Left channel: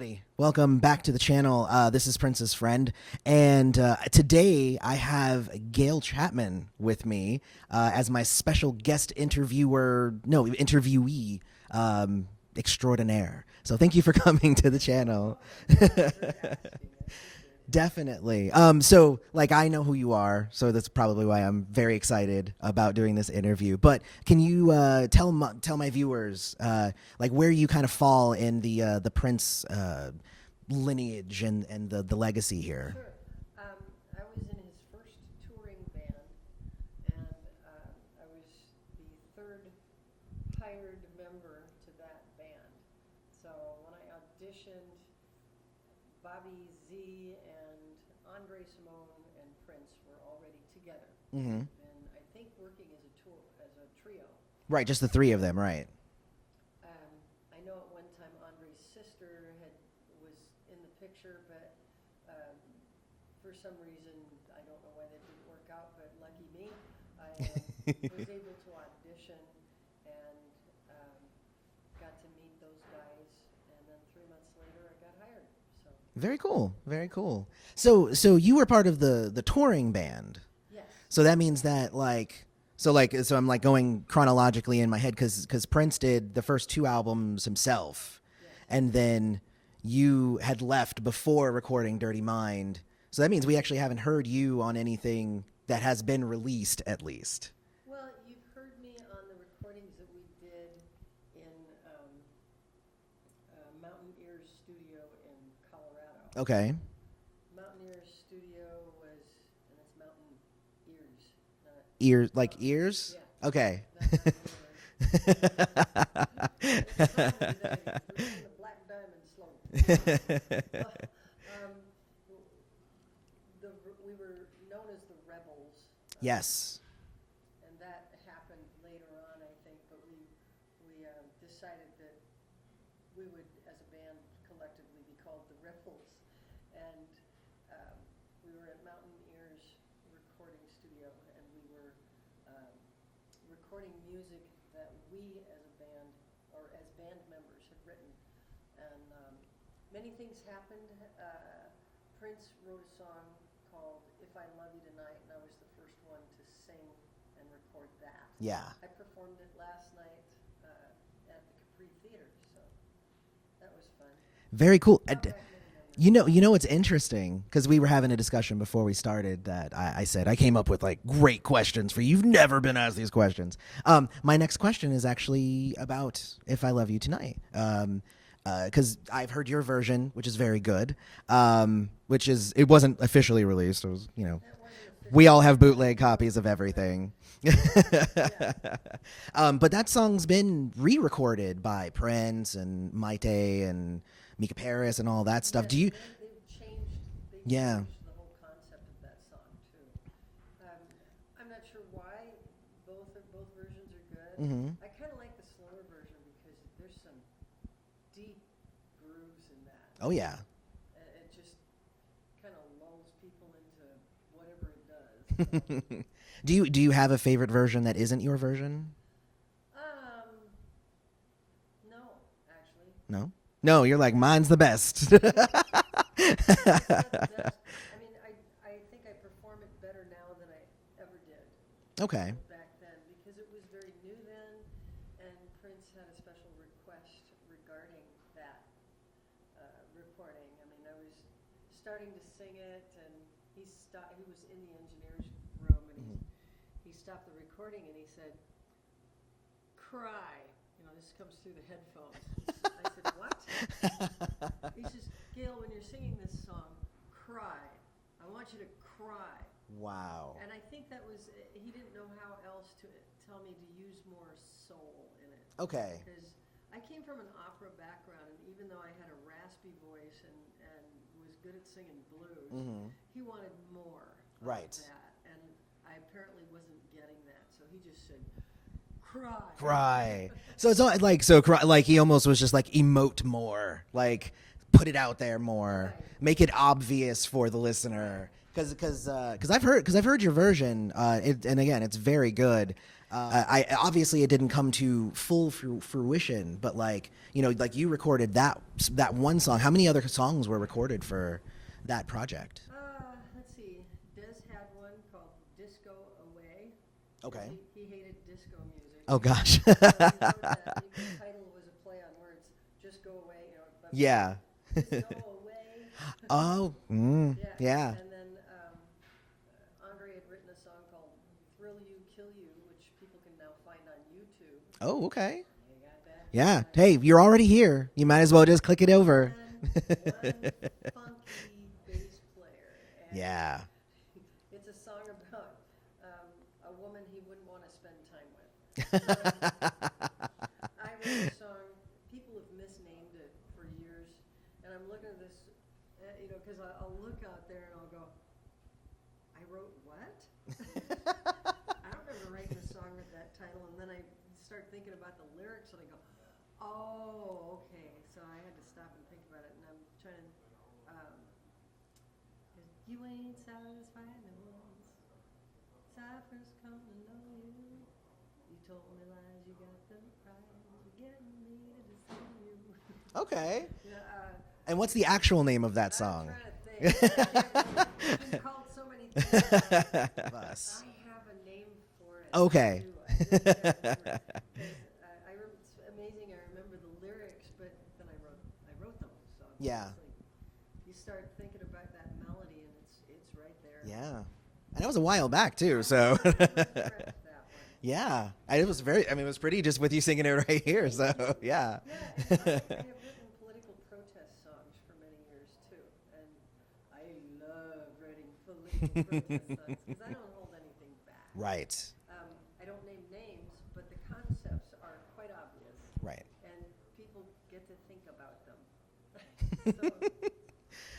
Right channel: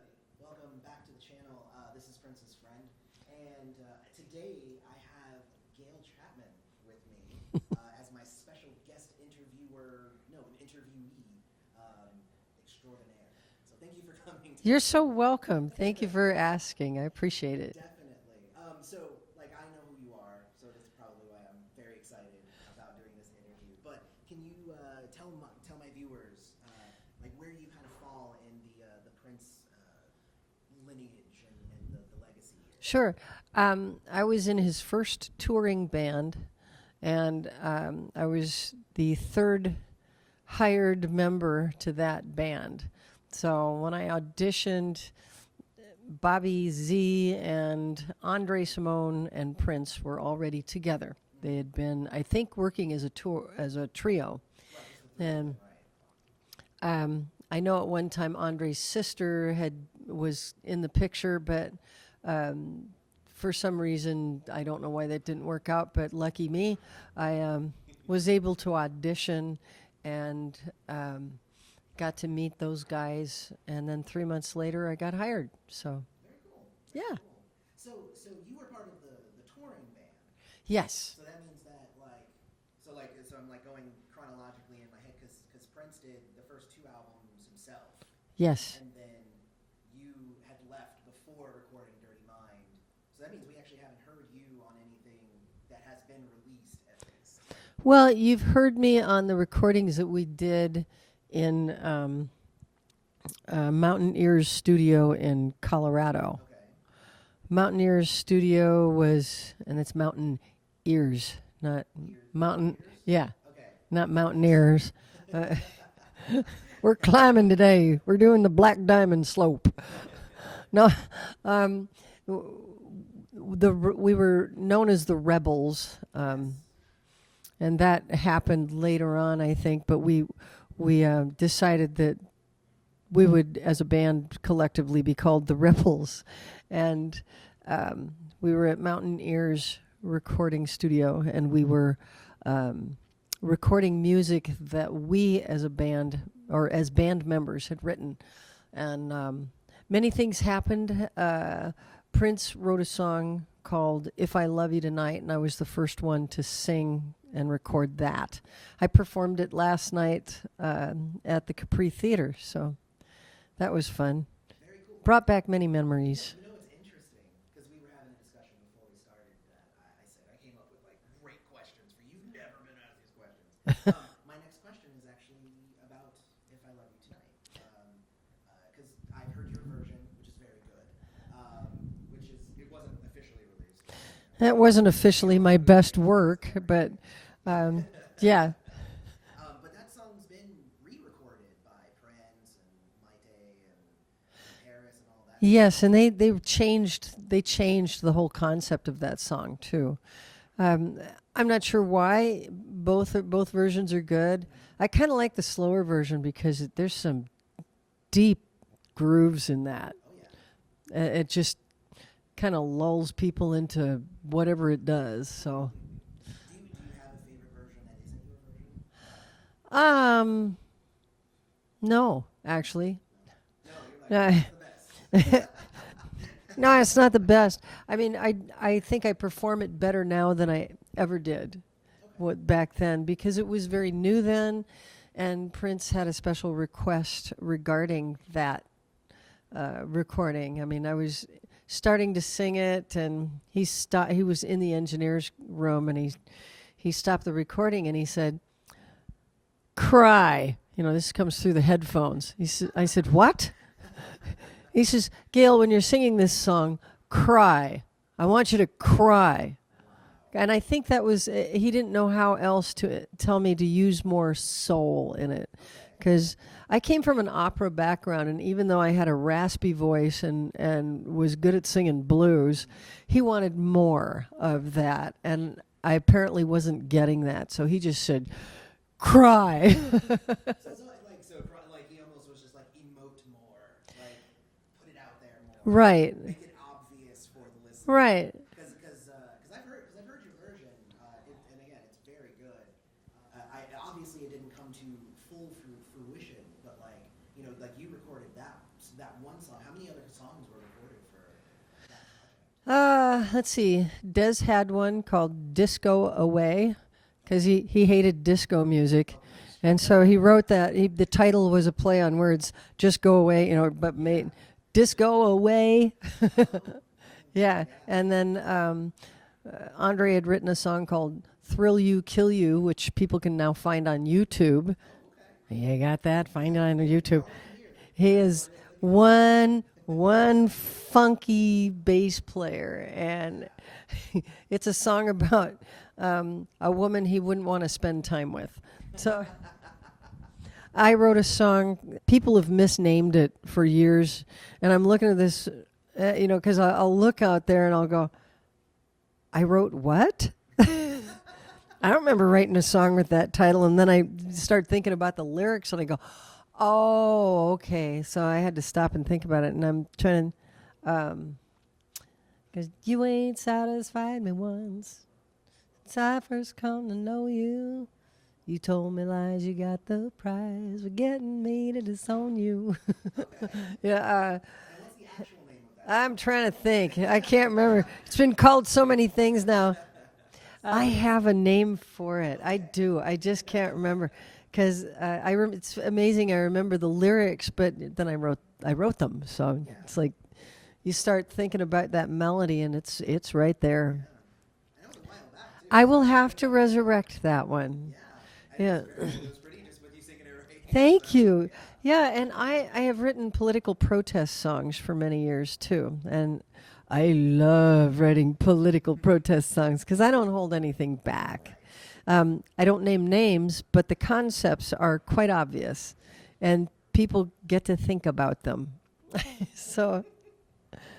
everybody. Welcome back to the channel. This is Prince's Friend, and today I have Gayle Chapman with me as my special guest interviewee extraordinaire. So thank you for coming to the channel. You're so welcome. Thank you for asking. I appreciate it. Definitely. So I know who you are, so that's probably why I'm very excited about doing this interview. But can you tell my viewers where you kind of fall in the Prince lineage and the legacy here? Sure. I was in his first touring band, and I was the third hired member to that band. So when I auditioned, Bobby Z and Andre Simone and Prince were already together. Mm-hmm. They had been, I think, working as a trio. Right, just the three of them, right? I know at one time Andre's sister was in the picture, but for some reason, I don't know why that didn't work out, but lucky me, I was able to audition and got to meet those guys, and then 3 months later I got hired. So very cool, very cool. So you were part of the touring band. Yes. So that means that so I'm going chronologically in my head because Prince did the first two albums himself. Yes. And then you had left before recording Dirty Mind. So that means we actually haven't heard you on anything that has been released, at least. Well, you've heard me on the recordings that we did in Mountain Ears Studio in Colorado. Okay. Mountain Ears Studio was, and it's Mountain Ears, not ears, mountain, like ears? Yeah. Okay. Not Mountaineers. We're climbing today. We're doing the Black Diamond Slope. No, we were known as the Rebels. Yes. And that happened later on, I think. But we decided that we would, as a band, collectively be called the Rebels, and we were at Mountain Ears recording studio, and we were recording music that we as a band or as band members had written, and many things happened. Prince wrote a song called "If I Love You Tonight," and I was the first one to sing and record that. Yeah. I performed it last night at the Capri Theater, so that was fun. Very cool. Brought back many memories. You know what's interesting, because we were having a discussion before we started that I said I came up with great questions for you. You've never been asked these questions. My next question is actually about "If I Love You Tonight." Because I've heard your version, which is very good. It wasn't officially released. It was, That wasn't officially we all my have best bootleg copies work, of everything. Yeah. But that song's been re-recorded by Prince and Maite and Mika Paris and all that stuff. Yes, and they changed the whole concept of that song too. I'm not sure why both versions are good. Mm-hmm. I kind of like the slower version because there's some deep grooves in that. Oh yeah. It just kind of lulls people into whatever it does. So do you have a favorite version that isn't your version? No, actually. No, you're like, mine's the best. No, it's not the best. I mean, I think I perform it better now than I ever did. Okay. Back then, because it was very new then, and Prince had a special request regarding that recording. I mean, I was starting to sing it, and he was in the engineer's room, and he stopped the recording, and he said, "Cry." This comes through the headphones. I said, "What?" He says, "Gayle, when you're singing this song, cry. I want you to cry." Wow. And I think that was, he didn't know how else to tell me to use more soul in it. Okay. Because I came from an opera background, and even though I had a raspy voice and was good at singing blues, he wanted more of that. And I apparently wasn't getting that. So he just said, cry. So it's all he almost was just emote more, put it out there more, right? Make it obvious for the listener, right? Because I've heard your version, and again, it's very good. I obviously it didn't come to full fruition, but like, you know, like you recorded that one song. How many other songs were recorded for that project? Let's see. Des had one called Disco Away because he hated disco music. Oh gosh. And so he wrote that. The title was a play on words, just go away, you know, but Yeah. Disco Away. Oh. Yeah. Yeah. And then Andre had written a song called Thrill You, Kill You, which people can now find on YouTube. Oh, okay. You got that? Find it Yeah. on Hey, YouTube. you're already here. You might as well just click it over. One funky bass player. And Yeah. it's a song about a woman he wouldn't want to spend time with. So I wrote a song. People have misnamed it for years. And I'm looking at this, you know, because I'll look out there and I'll go, I wrote what? I don't remember writing a song with that title. And then I start thinking about the lyrics and I go, oh, okay. So I had to stop and think about it. And I'm trying to, because you ain't satisfied me once. Since I first come to know you. You told me lies, you got the prize for getting me to disown you. Okay. Yeah. And what's the actual name of that song? I'm trying to think. I can't remember. It's been called so many things now. I have a name for it. Okay. I do. I just can't remember because it's amazing. I remember the lyrics, but then I wrote them. So Yeah. it's like you start thinking about that melody, and it's right there. Yeah. And that was a while back too. I so. will have to resurrect that one. Yeah. It was it was pretty just with you singing it right here. Thank so, you. Yeah. Yeah, and I have written political protest songs for many years too. And I love writing political protest songs because I don't hold anything back. Right. I don't name names, but the concepts are quite obvious. Right. And people get to think about them. So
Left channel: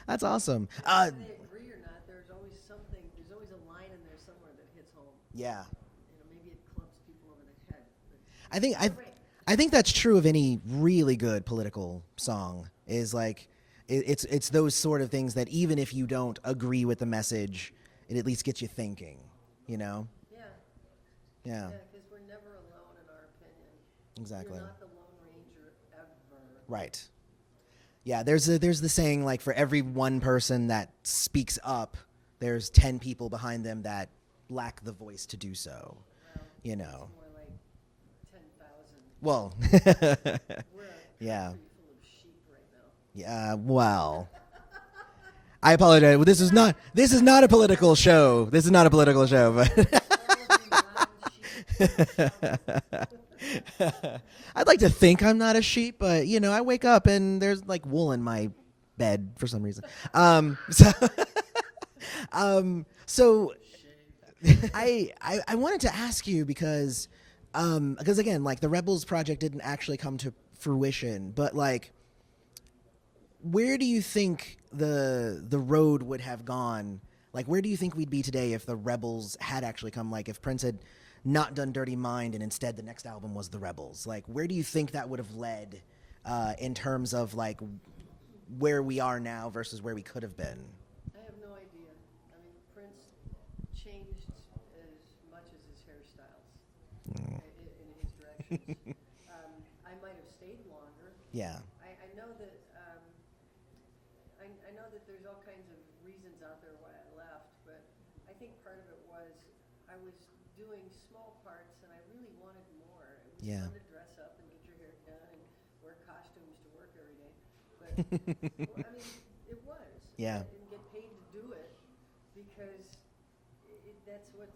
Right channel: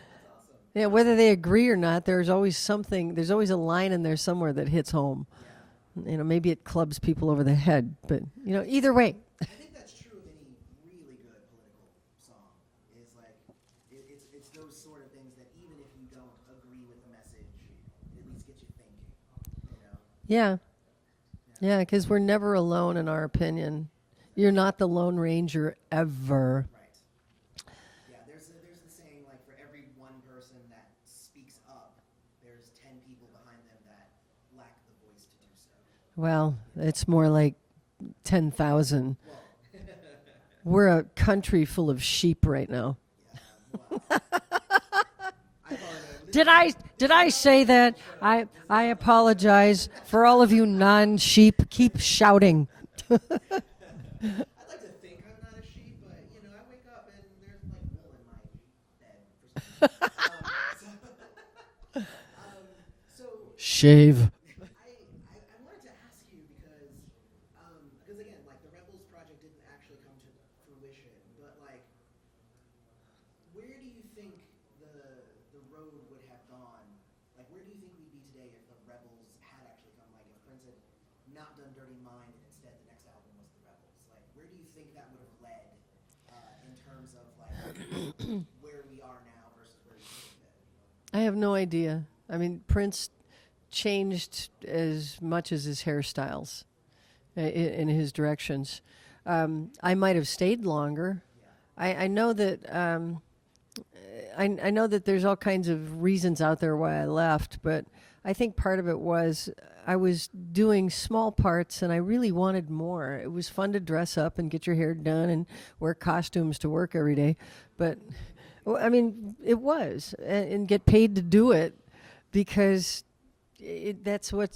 That's awesome. yeah, whether they agree or not, there's always a line in there somewhere that hits home. Yeah. You know, maybe it clubs people over the head, but you know, think either way. I think that's true of any really good political song. Is like it's those sort of things that even if you don't agree with the message, it at least gets you thinking. You know. Yeah. Yeah. Yeah, because we're never alone in our opinion. Exactly. You're not the Lone Ranger ever. Right. Yeah, there's the saying, like, for every one person that speaks up, there's 10 people behind them that lack the voice to do so. Well, You know. it's more like 10,000. Well, We're a country full of sheep right now. yeah, well. I apologize. This Did is I- not this did is I not a say political that? show. This is not a political show. I apologize for all of you non-sheep. Keep shouting. I'd like to think I'm not a sheep, but you know, I wake up and there's like wool in my bed for some reason. So Shave. I wanted to ask you because again, like the Rebels project didn't actually come to fruition, but like, where do you think the road would have gone? Like, where do you think we'd be today if the Rebels had actually come? Like, if Prince had not done Dirty Mind and instead the next album was the Rebels, like, where do you think that would have led in terms of like where we are now versus where we could have been? I have no idea. I mean, Prince changed as much as his hairstyles in his directions. I might have stayed longer. Yeah. I know that I know that there's all kinds of reasons out there why I left, but I think part of it was I was doing small parts and I really wanted more. It was fun to dress up and get your hair done and wear costumes to work every day. But, well, I mean, it was. Yeah. And get paid to do it because that's what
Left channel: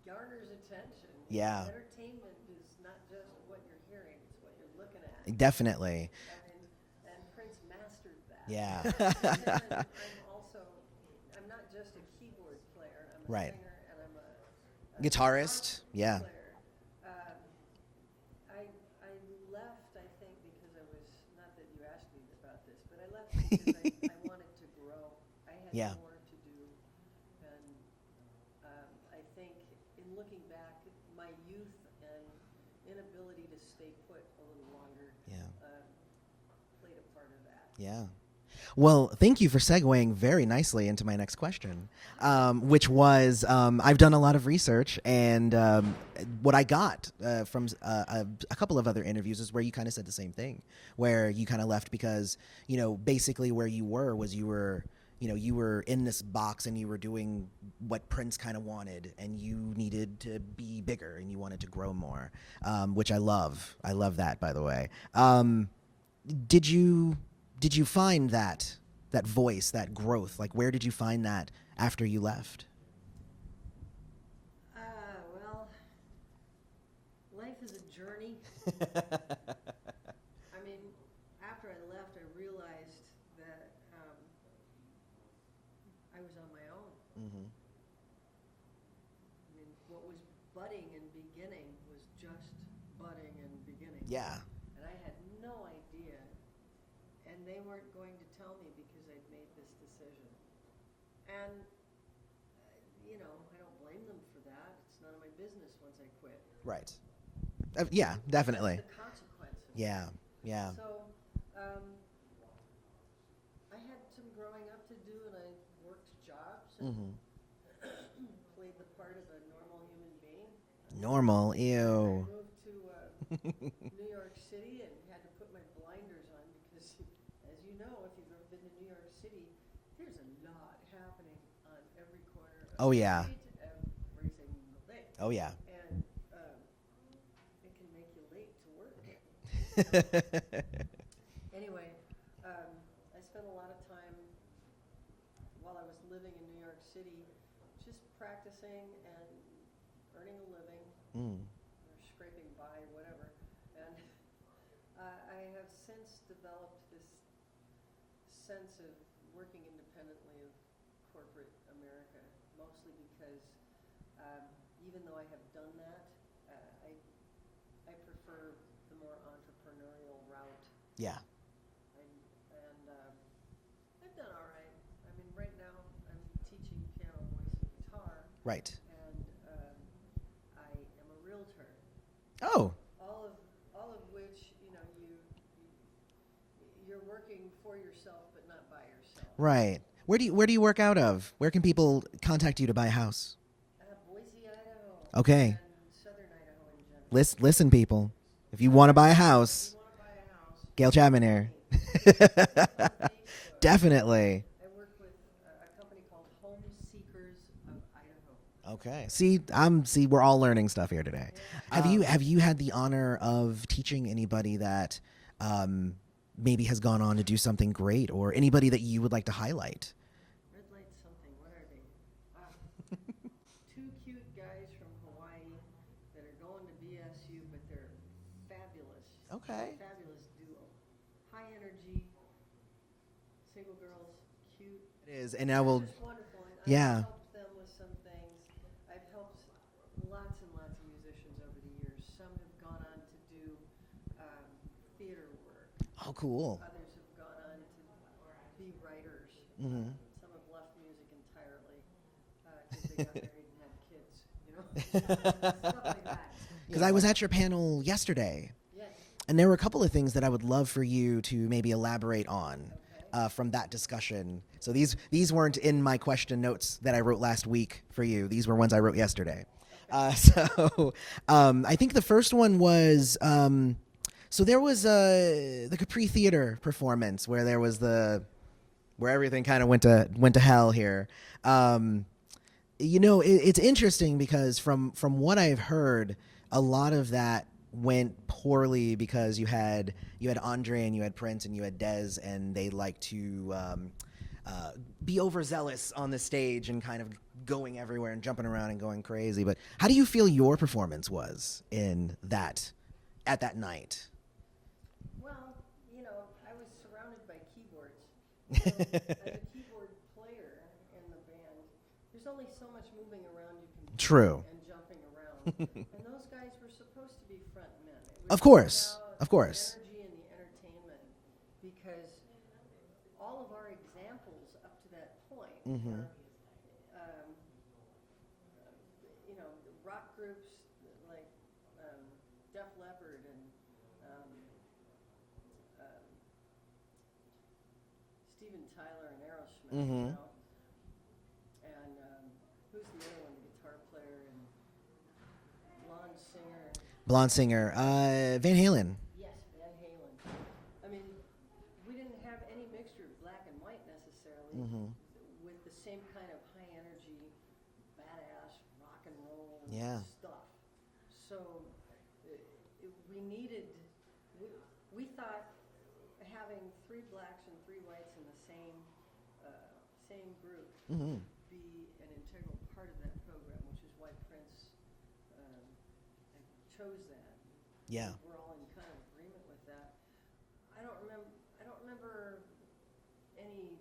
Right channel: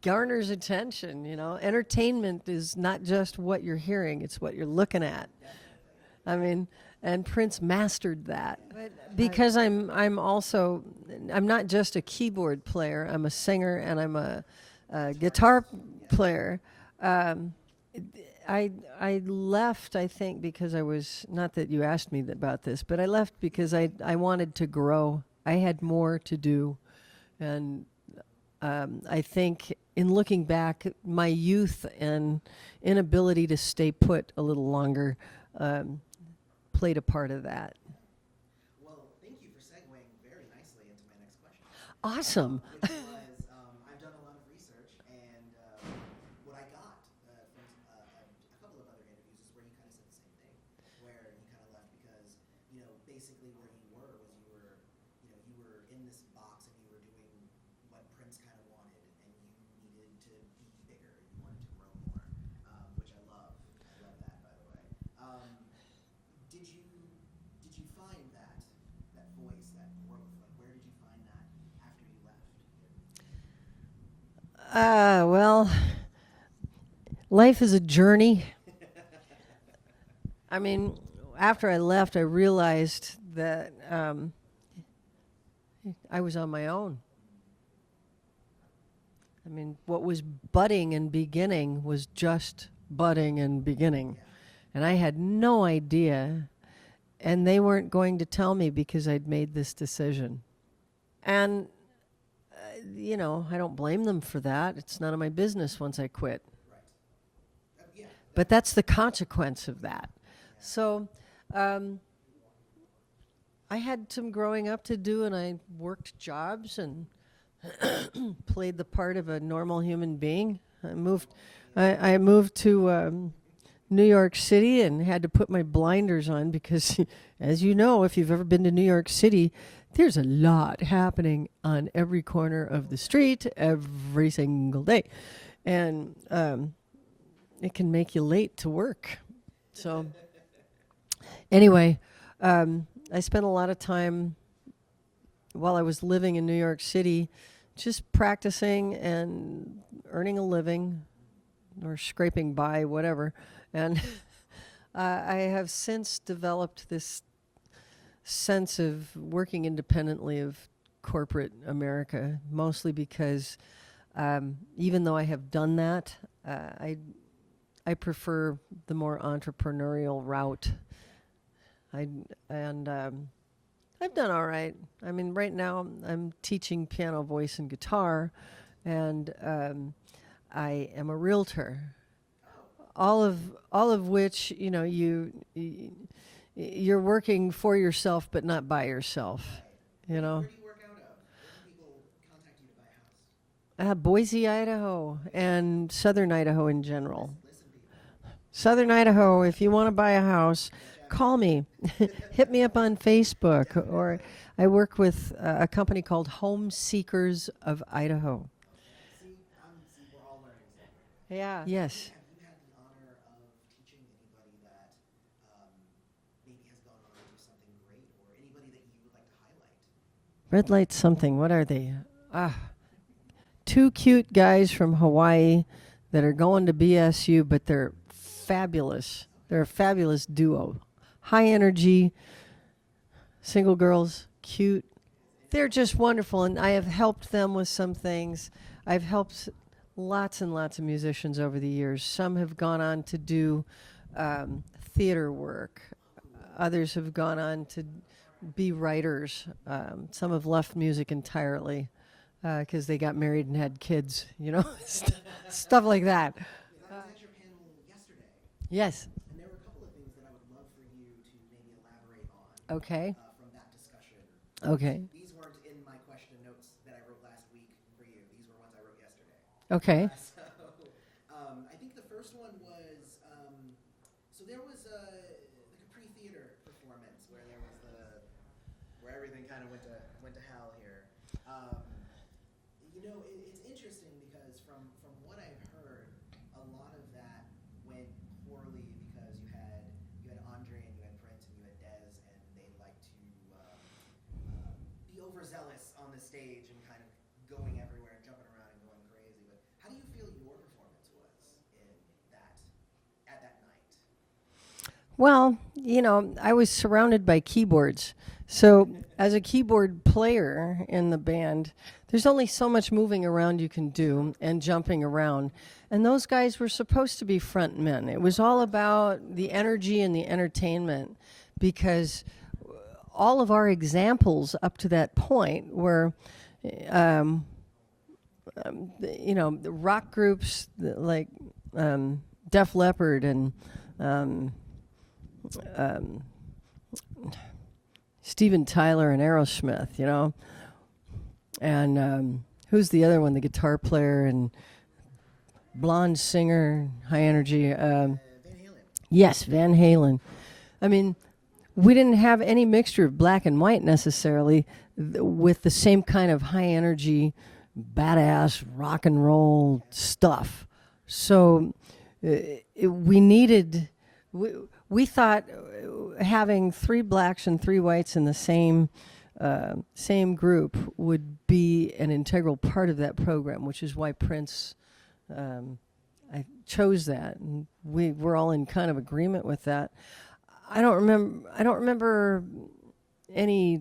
garners attention, you know. Entertainment is not just what you're hearing, it's what you're looking at. Definitely. I mean, and Prince mastered that. Yeah. Because I'm not just a keyboard player. I'm a singer and I'm a guitar player. I left, I think, because I was, not that you asked me about this, but I left because I wanted to grow. I had more to do. And I think in looking back, my youth and inability to stay put a little longer played a part of that. Yeah. Well, thank you for segueing very nicely into my next question. Awesome. Which was, I've done a lot of research, and what I got from a couple of other interviews is where you kind of said the same thing, where you kind of left because, basically where you were was you were in this box and you were doing what Prince kind of wanted, and you needed to be bigger and you wanted to grow more, which I love. I love that, by the way. Did you find that voice, that growth? Like, where did you find that after you left? Well, life is a journey. I mean, after I left, I realized that I was on my own. Mm-hmm. I mean, what was budding and beginning was just budding and beginning. Yeah. And I had no idea. And they weren't going to tell me because I'd made this decision. And, I don't blame them for that. It's none of my business once I quit. Right. Yeah, definitely. But that's the consequence of yeah. that. Yeah. So I had some growing up to do, and I worked jobs and played the part of a normal human being. I moved to New York City and had to put my blinders on because, as you know, if you've ever been to New York City, there's a lot happening on every corner of the street every single day. Oh, yeah. And it can make you late to work. So anyway, I spent a lot of time while I was living in New York City just practicing and earning a living or scraping by, whatever. And I have since developed this sense of working independently of corporate America, mostly because even though I have done that, I prefer the more entrepreneurial route. Yeah. I've done all right. I mean, right now I'm teaching piano, voice, and guitar. Right. And I am a realtor. Oh. All of which, you're working for yourself, but not by yourself. Right. Where do you work out of? Where can people contact you to buy a house? Boise, Idaho. Okay. And Southern Idaho in general. Listen, people. If you Southern want to buy a Idaho, house, if you want to buy a house, Gayle Chapman call here. me. Hit me up on Facebook. Definitely. I work with a company called Home Seekers of Idaho. Okay. See, we're all learning stuff here today. Yeah. Have you had the honor of teaching anybody that maybe has gone on to do something great, or anybody that you would like to highlight? Red light something. What are they? Two cute guys from Hawaii that are going to BSU, but they're fabulous. Okay. They're a fabulous duo. High energy, single girls, cute. It is, and They're just wonderful, and I Yeah. have helped them with some things. I've helped lots and lots of musicians over the years. Some have gone on to do theater work. Oh, cool. Others have gone on to be writers. Some have left music entirely because they got married and had kids, stuff like that. Because I was at your panel yesterday, Yes. and there were a couple of things that I would love for you to maybe elaborate on. Okay. From that discussion. So Okay. these weren't in my question notes that I wrote last week for you. These were ones I wrote yesterday. Okay. So I think the first one was so there was the Capri Theater performance where there was where everything kind of went to hell here. It's interesting because from what I've heard, a lot of that went poorly because you had Andre and you had Prince and you had Dez, and they like to be overzealous on the stage and kind of going everywhere and jumping around and going crazy. But how do you feel your performance was at that night? Well, I was surrounded by keyboards. So as a keyboard player in the band, there's only so much moving around you can do. True. And jumping around. And those guys were supposed to be front men. It was Of all course. about Of course. the energy and the entertainment, because all of our examples up to that point were the rock groups like Def Leppard and Steven Tyler and Aerosmith, you know. And who's the other one? The guitar player and blonde singer, high energy. Van Halen. Yes, Van Halen. I mean, we didn't have any mixture of black and white necessarily with the same kind of high energy, badass rock and roll stuff. So we needed, we thought having 3 blacks and 3 whites in the same group would be an integral part of that program, which is why Prince I chose that, and we're all in kind of agreement with that. I don't remember any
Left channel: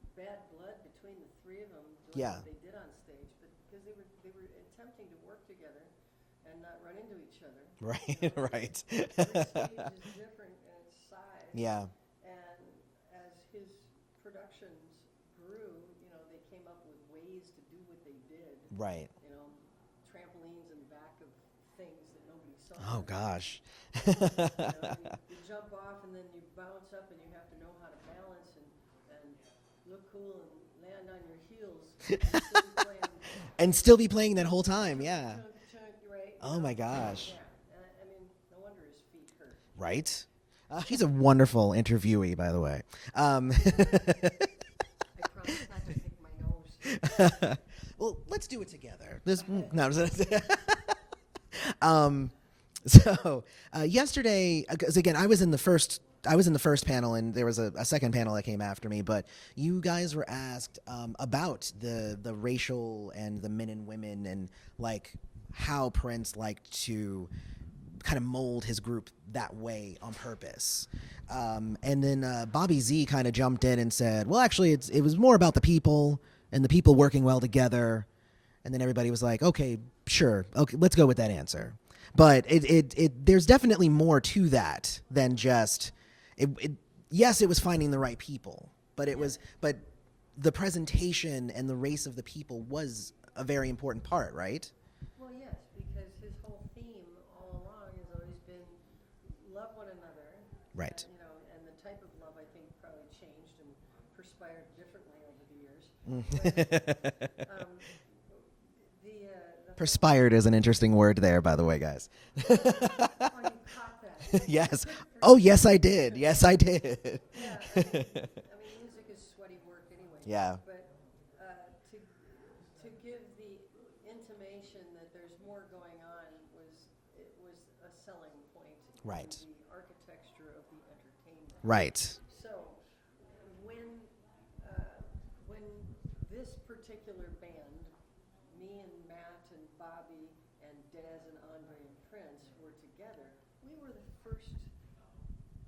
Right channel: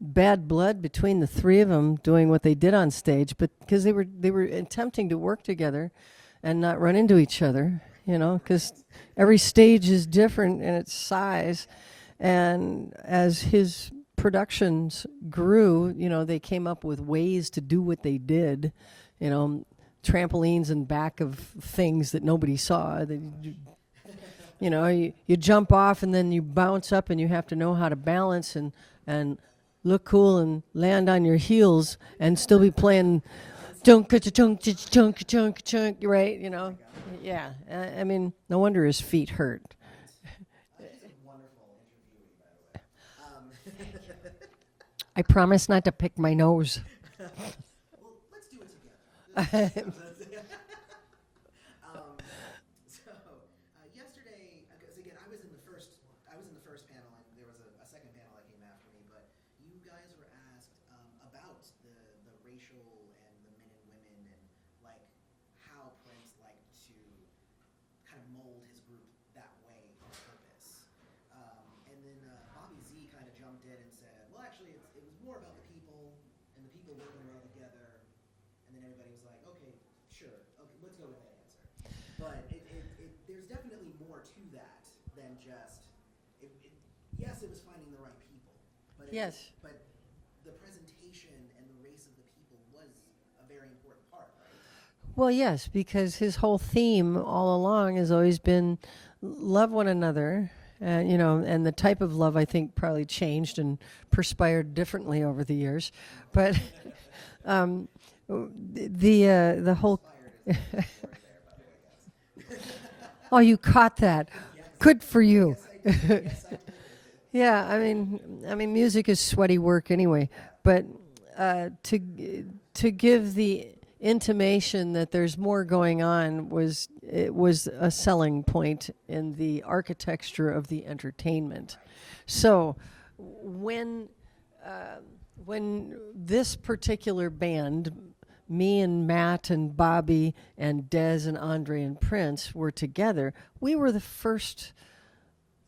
bad blood between the 3 of them doing what they did on stage, but because they were attempting to work together and not run into each other, you know, because every stage is different in its size. Yeah. And as his productions grew, you know, they came up with ways to do what they did. Right. You know, trampolines in back of things that nobody saw. Oh, gosh. You know, you jump off and then you bounce up and you have to know how to balance and look cool and land on your heels and still be playing and still be playing the whole time. Chunk, right? You know. Oh my gosh. Yeah. I mean, no wonder his feet hurt. Right. He's a wonderful interviewee, by the way. I promise not to pick my nose. Well, let's do it together. So yesterday, because again, I was in the first panel, and there was a second panel that came after me. But you guys were asked about the racial and the men and women, and like how Prince liked to kind of mold his group that way on purpose. And then Bobby Z kind of jumped in and said, well, actually, it was more about the people and the people working well together. And then everybody was like, okay, sure. Okay, let's go with that answer. But there's definitely more to that than just yes, it was finding the right people, but but the presentation and the race of the people was a very important part, right? Well, yes, because his whole theme all along has always been love one another. Right. And, you know, and the type of love, I think, probably changed and perspired differently over the years. But the whole perspired is an interesting word there, by the way, guys. Oh, you caught that. Yes. Good for you. Oh, yes, I did. Yes, I did. Yeah, I mean, music is sweaty work anyway. Yeah. But to give the intimation that there's more going on was a selling point in the architecture of the entertainment. Right. So when this particular band, me and Matt and Bobby and Dez and Andre and Prince were together, we were the first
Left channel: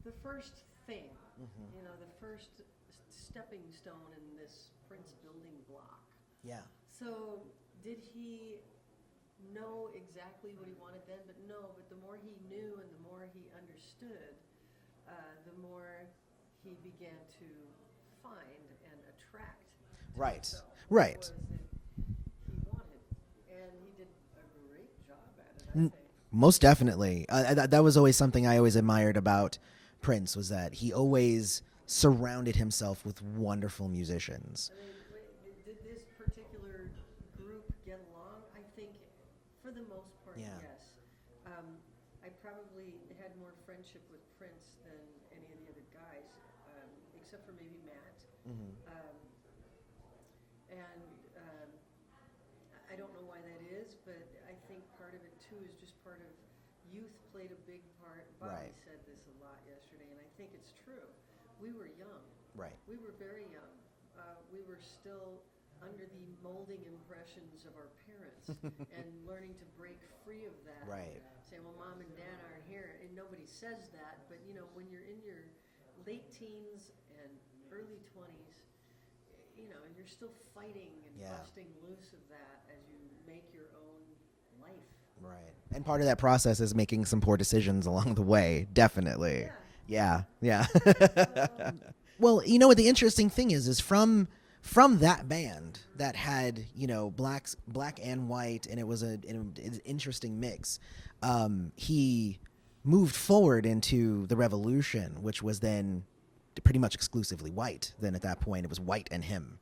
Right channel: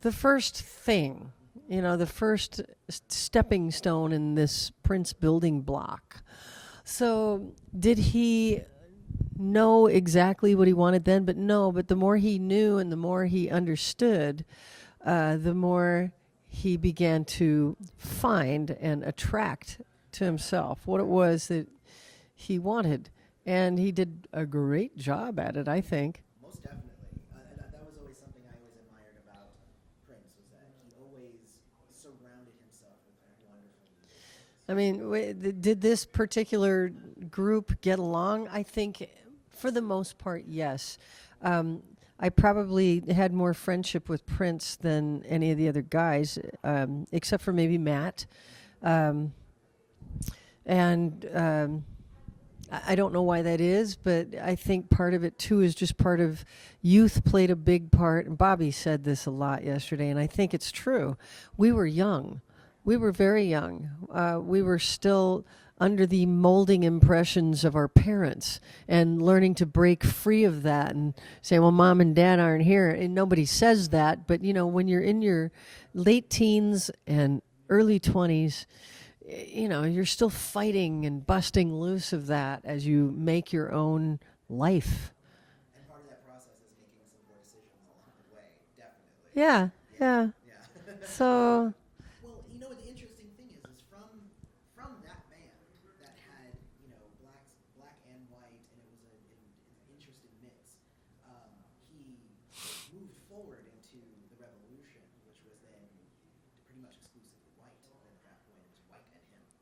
thing, you know, the first stepping stone in this Prince building block. Yeah. So did he know exactly what he wanted then? But the more he knew and the more he understood, the more he began to find and attract to himself what it was that he wanted. And he did a great job at it, I think. Most definitely. That was always something I always admired about Prince, was that he always surrounded himself with wonderful musicians. I mean, did this particular group get along? I think for the most part, yes. I probably had more friendship with Prince than any of the other guys, except for maybe Matt. I don't know why that is, but I think part of it, too, is just part of youth played a big part. And Bobby said this a lot yesterday, and I think it's true. We were young. Right. We were very young. We were still under the molding impressions of our parents and learning to break free of that and say, well, Mom and Dad aren't here. And nobody says that. But, you know, when you're in your late teens and early 20s, you know, you're still fighting and busting loose of that as you make your own life. Right. And part of that process is making some poor decisions along the way, definitely. Yeah. So, well, you know what the interesting thing is from that band that had, you know, black and white, and it was an interesting mix. He moved forward into the Revolution, which was then pretty much exclusively white. Then at that point, it was white and him.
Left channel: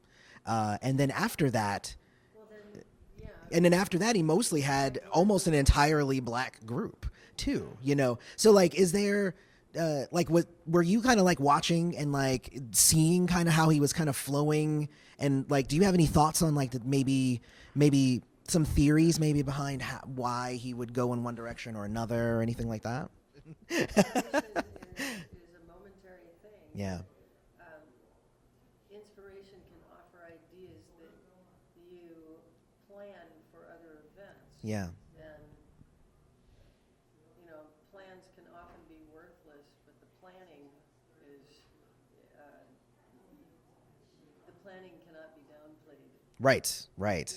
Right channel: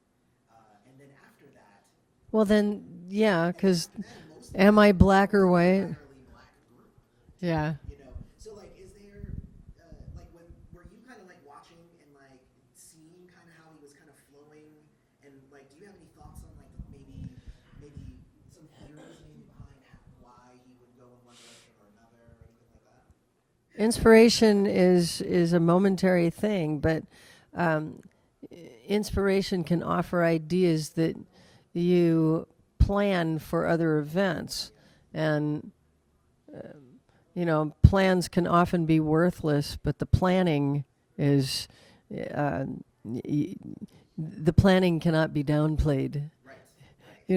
And then after that, Well, then, yeah. and then after that, he mostly Am had I black almost or an white? entirely black group too. Yeah. You know, so like, is there like, were you kind of like watching and like seeing kind of how he was kind of flowing, and like, do you have any thoughts on like maybe some theories maybe behind why he would go in one direction or another or anything like that? Inspiration is a momentary thing, Yeah. but inspiration can offer ideas that you plan for other events. Yeah. And, plans can often be worthless, but the planning is, the planning cannot be downplayed. Right. Right.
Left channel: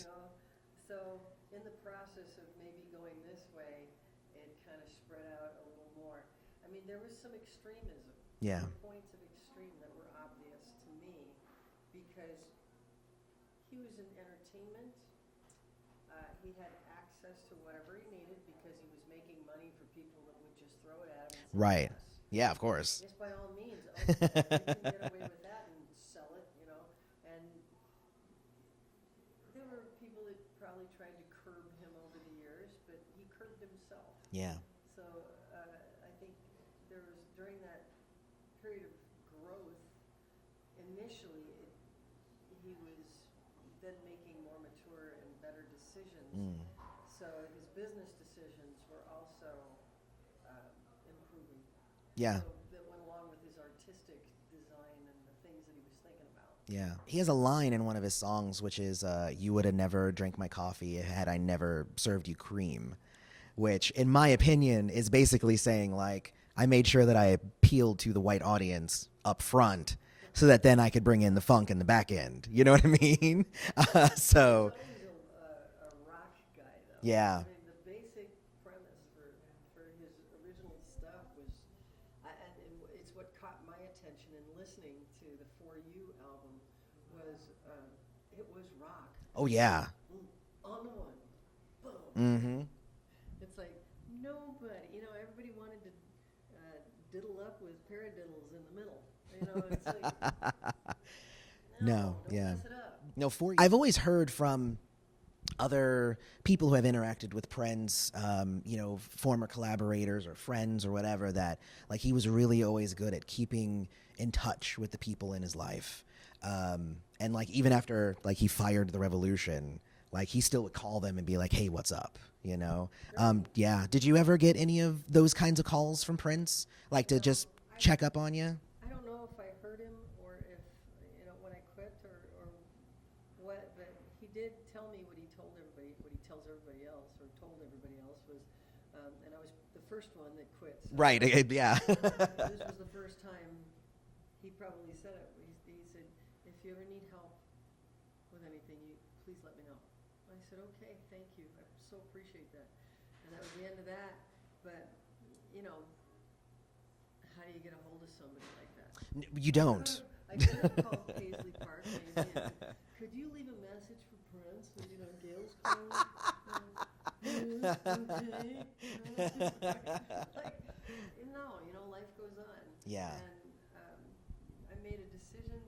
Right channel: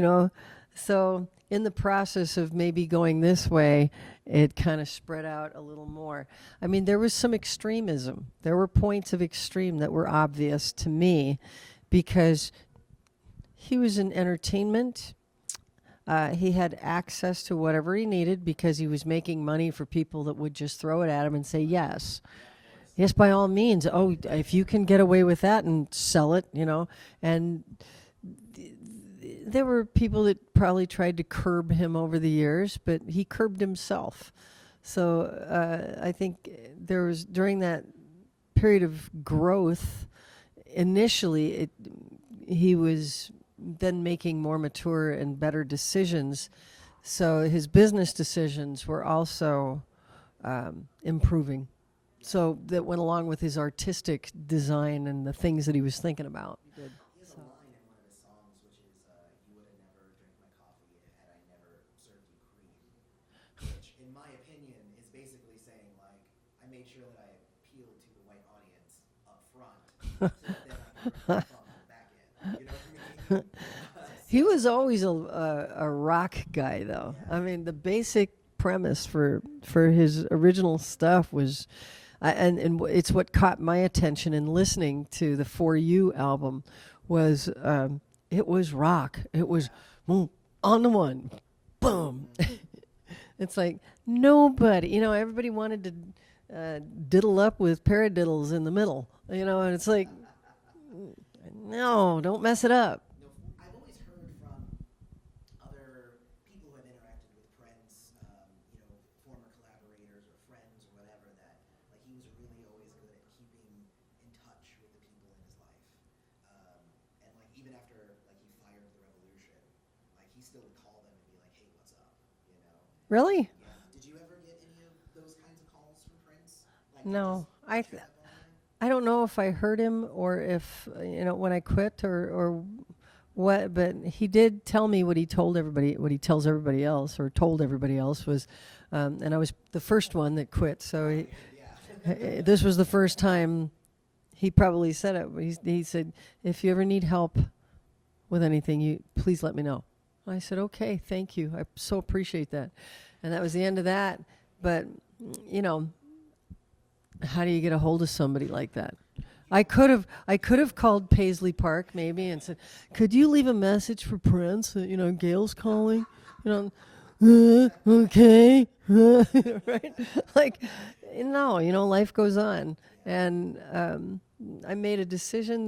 So in the process of maybe going this way, it kind of spread out a little more. I mean, there was some extremism. There Yeah. were points of extreme that were obvious to me because he was in entertainment. He had access to whatever he needed because he was making money for people that would just throw it at him and say Right. yes. Yeah, of course. Yes, by all means. Oh, if you can get away with that and sell it, And there were people that probably tried to curb him over the years, but he curbed himself. Yeah. So I think there was, during that period of growth, initially he was then making more mature and better decisions. So his business decisions were also improving. Yeah. So that went along with his artistic design and the things that he was thinking about. Yeah. He has a line in one of his songs, which is, you would have never drank my coffee had I never served you cream, which in my opinion is basically saying like, I made sure that I appealed to the white audience up front so that then I could bring in the funk in the back end. You know what I mean? He was always a rock guy, though. Yeah. I mean, the basic premise for his original stuff was, and it's what caught my attention in listening to the For You album, was it was rock. It was yeah. boom, on the one, boom. Mhm. It's like nobody, everybody wanted to diddle up with paradiddles in the middle, and it's like, no, don't yeah. mess it up. No, I've always heard from other people who have interacted with Prince, former collaborators or friends or whatever, that like he was really always good at keeping in touch with the people in his life. And like even after like he fired the Revolution, like he still would call them and be like, hey, what's up? Really? Yeah. Did you ever get any of those kinds of calls from Prince? Like to No, just check up on you? I don't know if I heard him or if, when I quit or what, but he did tell me what he told everybody, what he tells everybody else or told everybody else was, and I was the first one that quit. So Right. Yeah. this was the first time he probably said it. He said, if you ever need help with anything, please let me know. I said, okay, thank you. I so appreciate that. And that was the end of that. But, how do you get a hold of somebody like that? You don't. I could have called Paisley Park maybe and said, could you leave a message for Prince? Gayle's calling. Okay. Right? Like, no, life goes on. Yeah. And I made a decision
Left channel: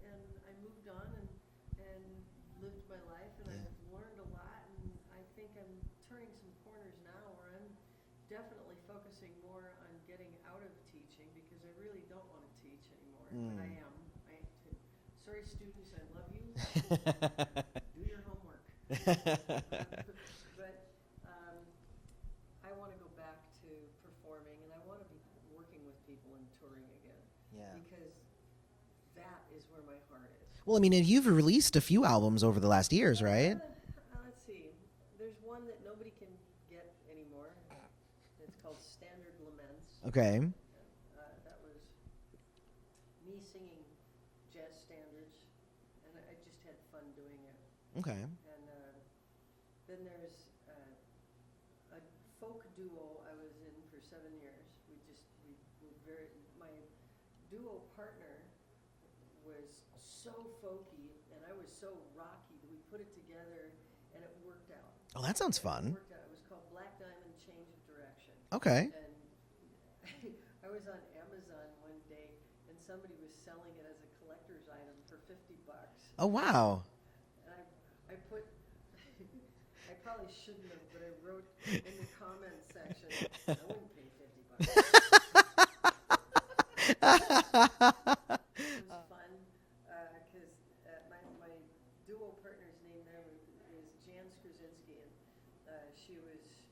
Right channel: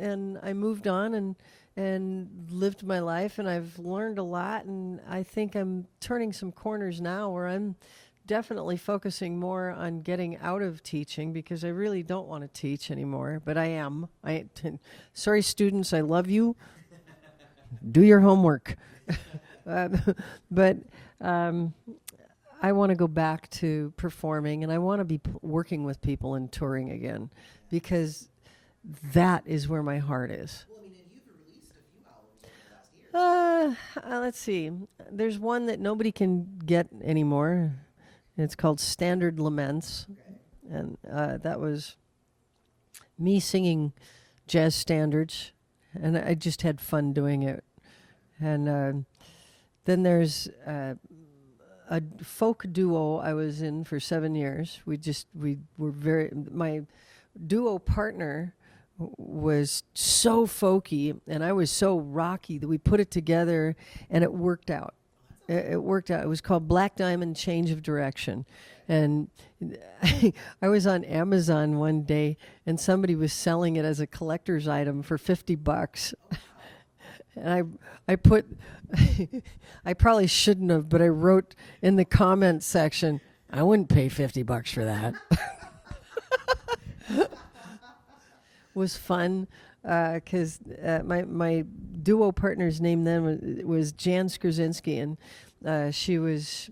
and I moved on and lived my life, and I've learned a lot, and I think I'm turning some corners now where I'm definitely focusing more on getting out of teaching because I really don't want to teach anymore, but I am. Sorry, students, I love you. Do your homework. But I want to go back to performing, and I want to be working with people and touring again because that is where my heart is. Well, I mean, you've released a few albums over the last years, right? Let's see. There's one that nobody can get anymore. It's called Standard Laments. Okay. And that was me singing jazz standards, and I just had fun doing it. Okay. And then there's a folk duo I was in for 7 years. My duo partner was so folky and I was so rocky that we put it together and it worked out. Oh, that sounds fun. It worked out. It was called Black Diamond Change of Direction. Okay. And I was on Amazon one day, and somebody was selling it as a collector's item for $50. Oh, wow. And I put, I probably shouldn't have, but I wrote in the comments section, I wouldn't pay $50 for that. It was fun because my duo partner's name then was Jan Skrzyński, and she was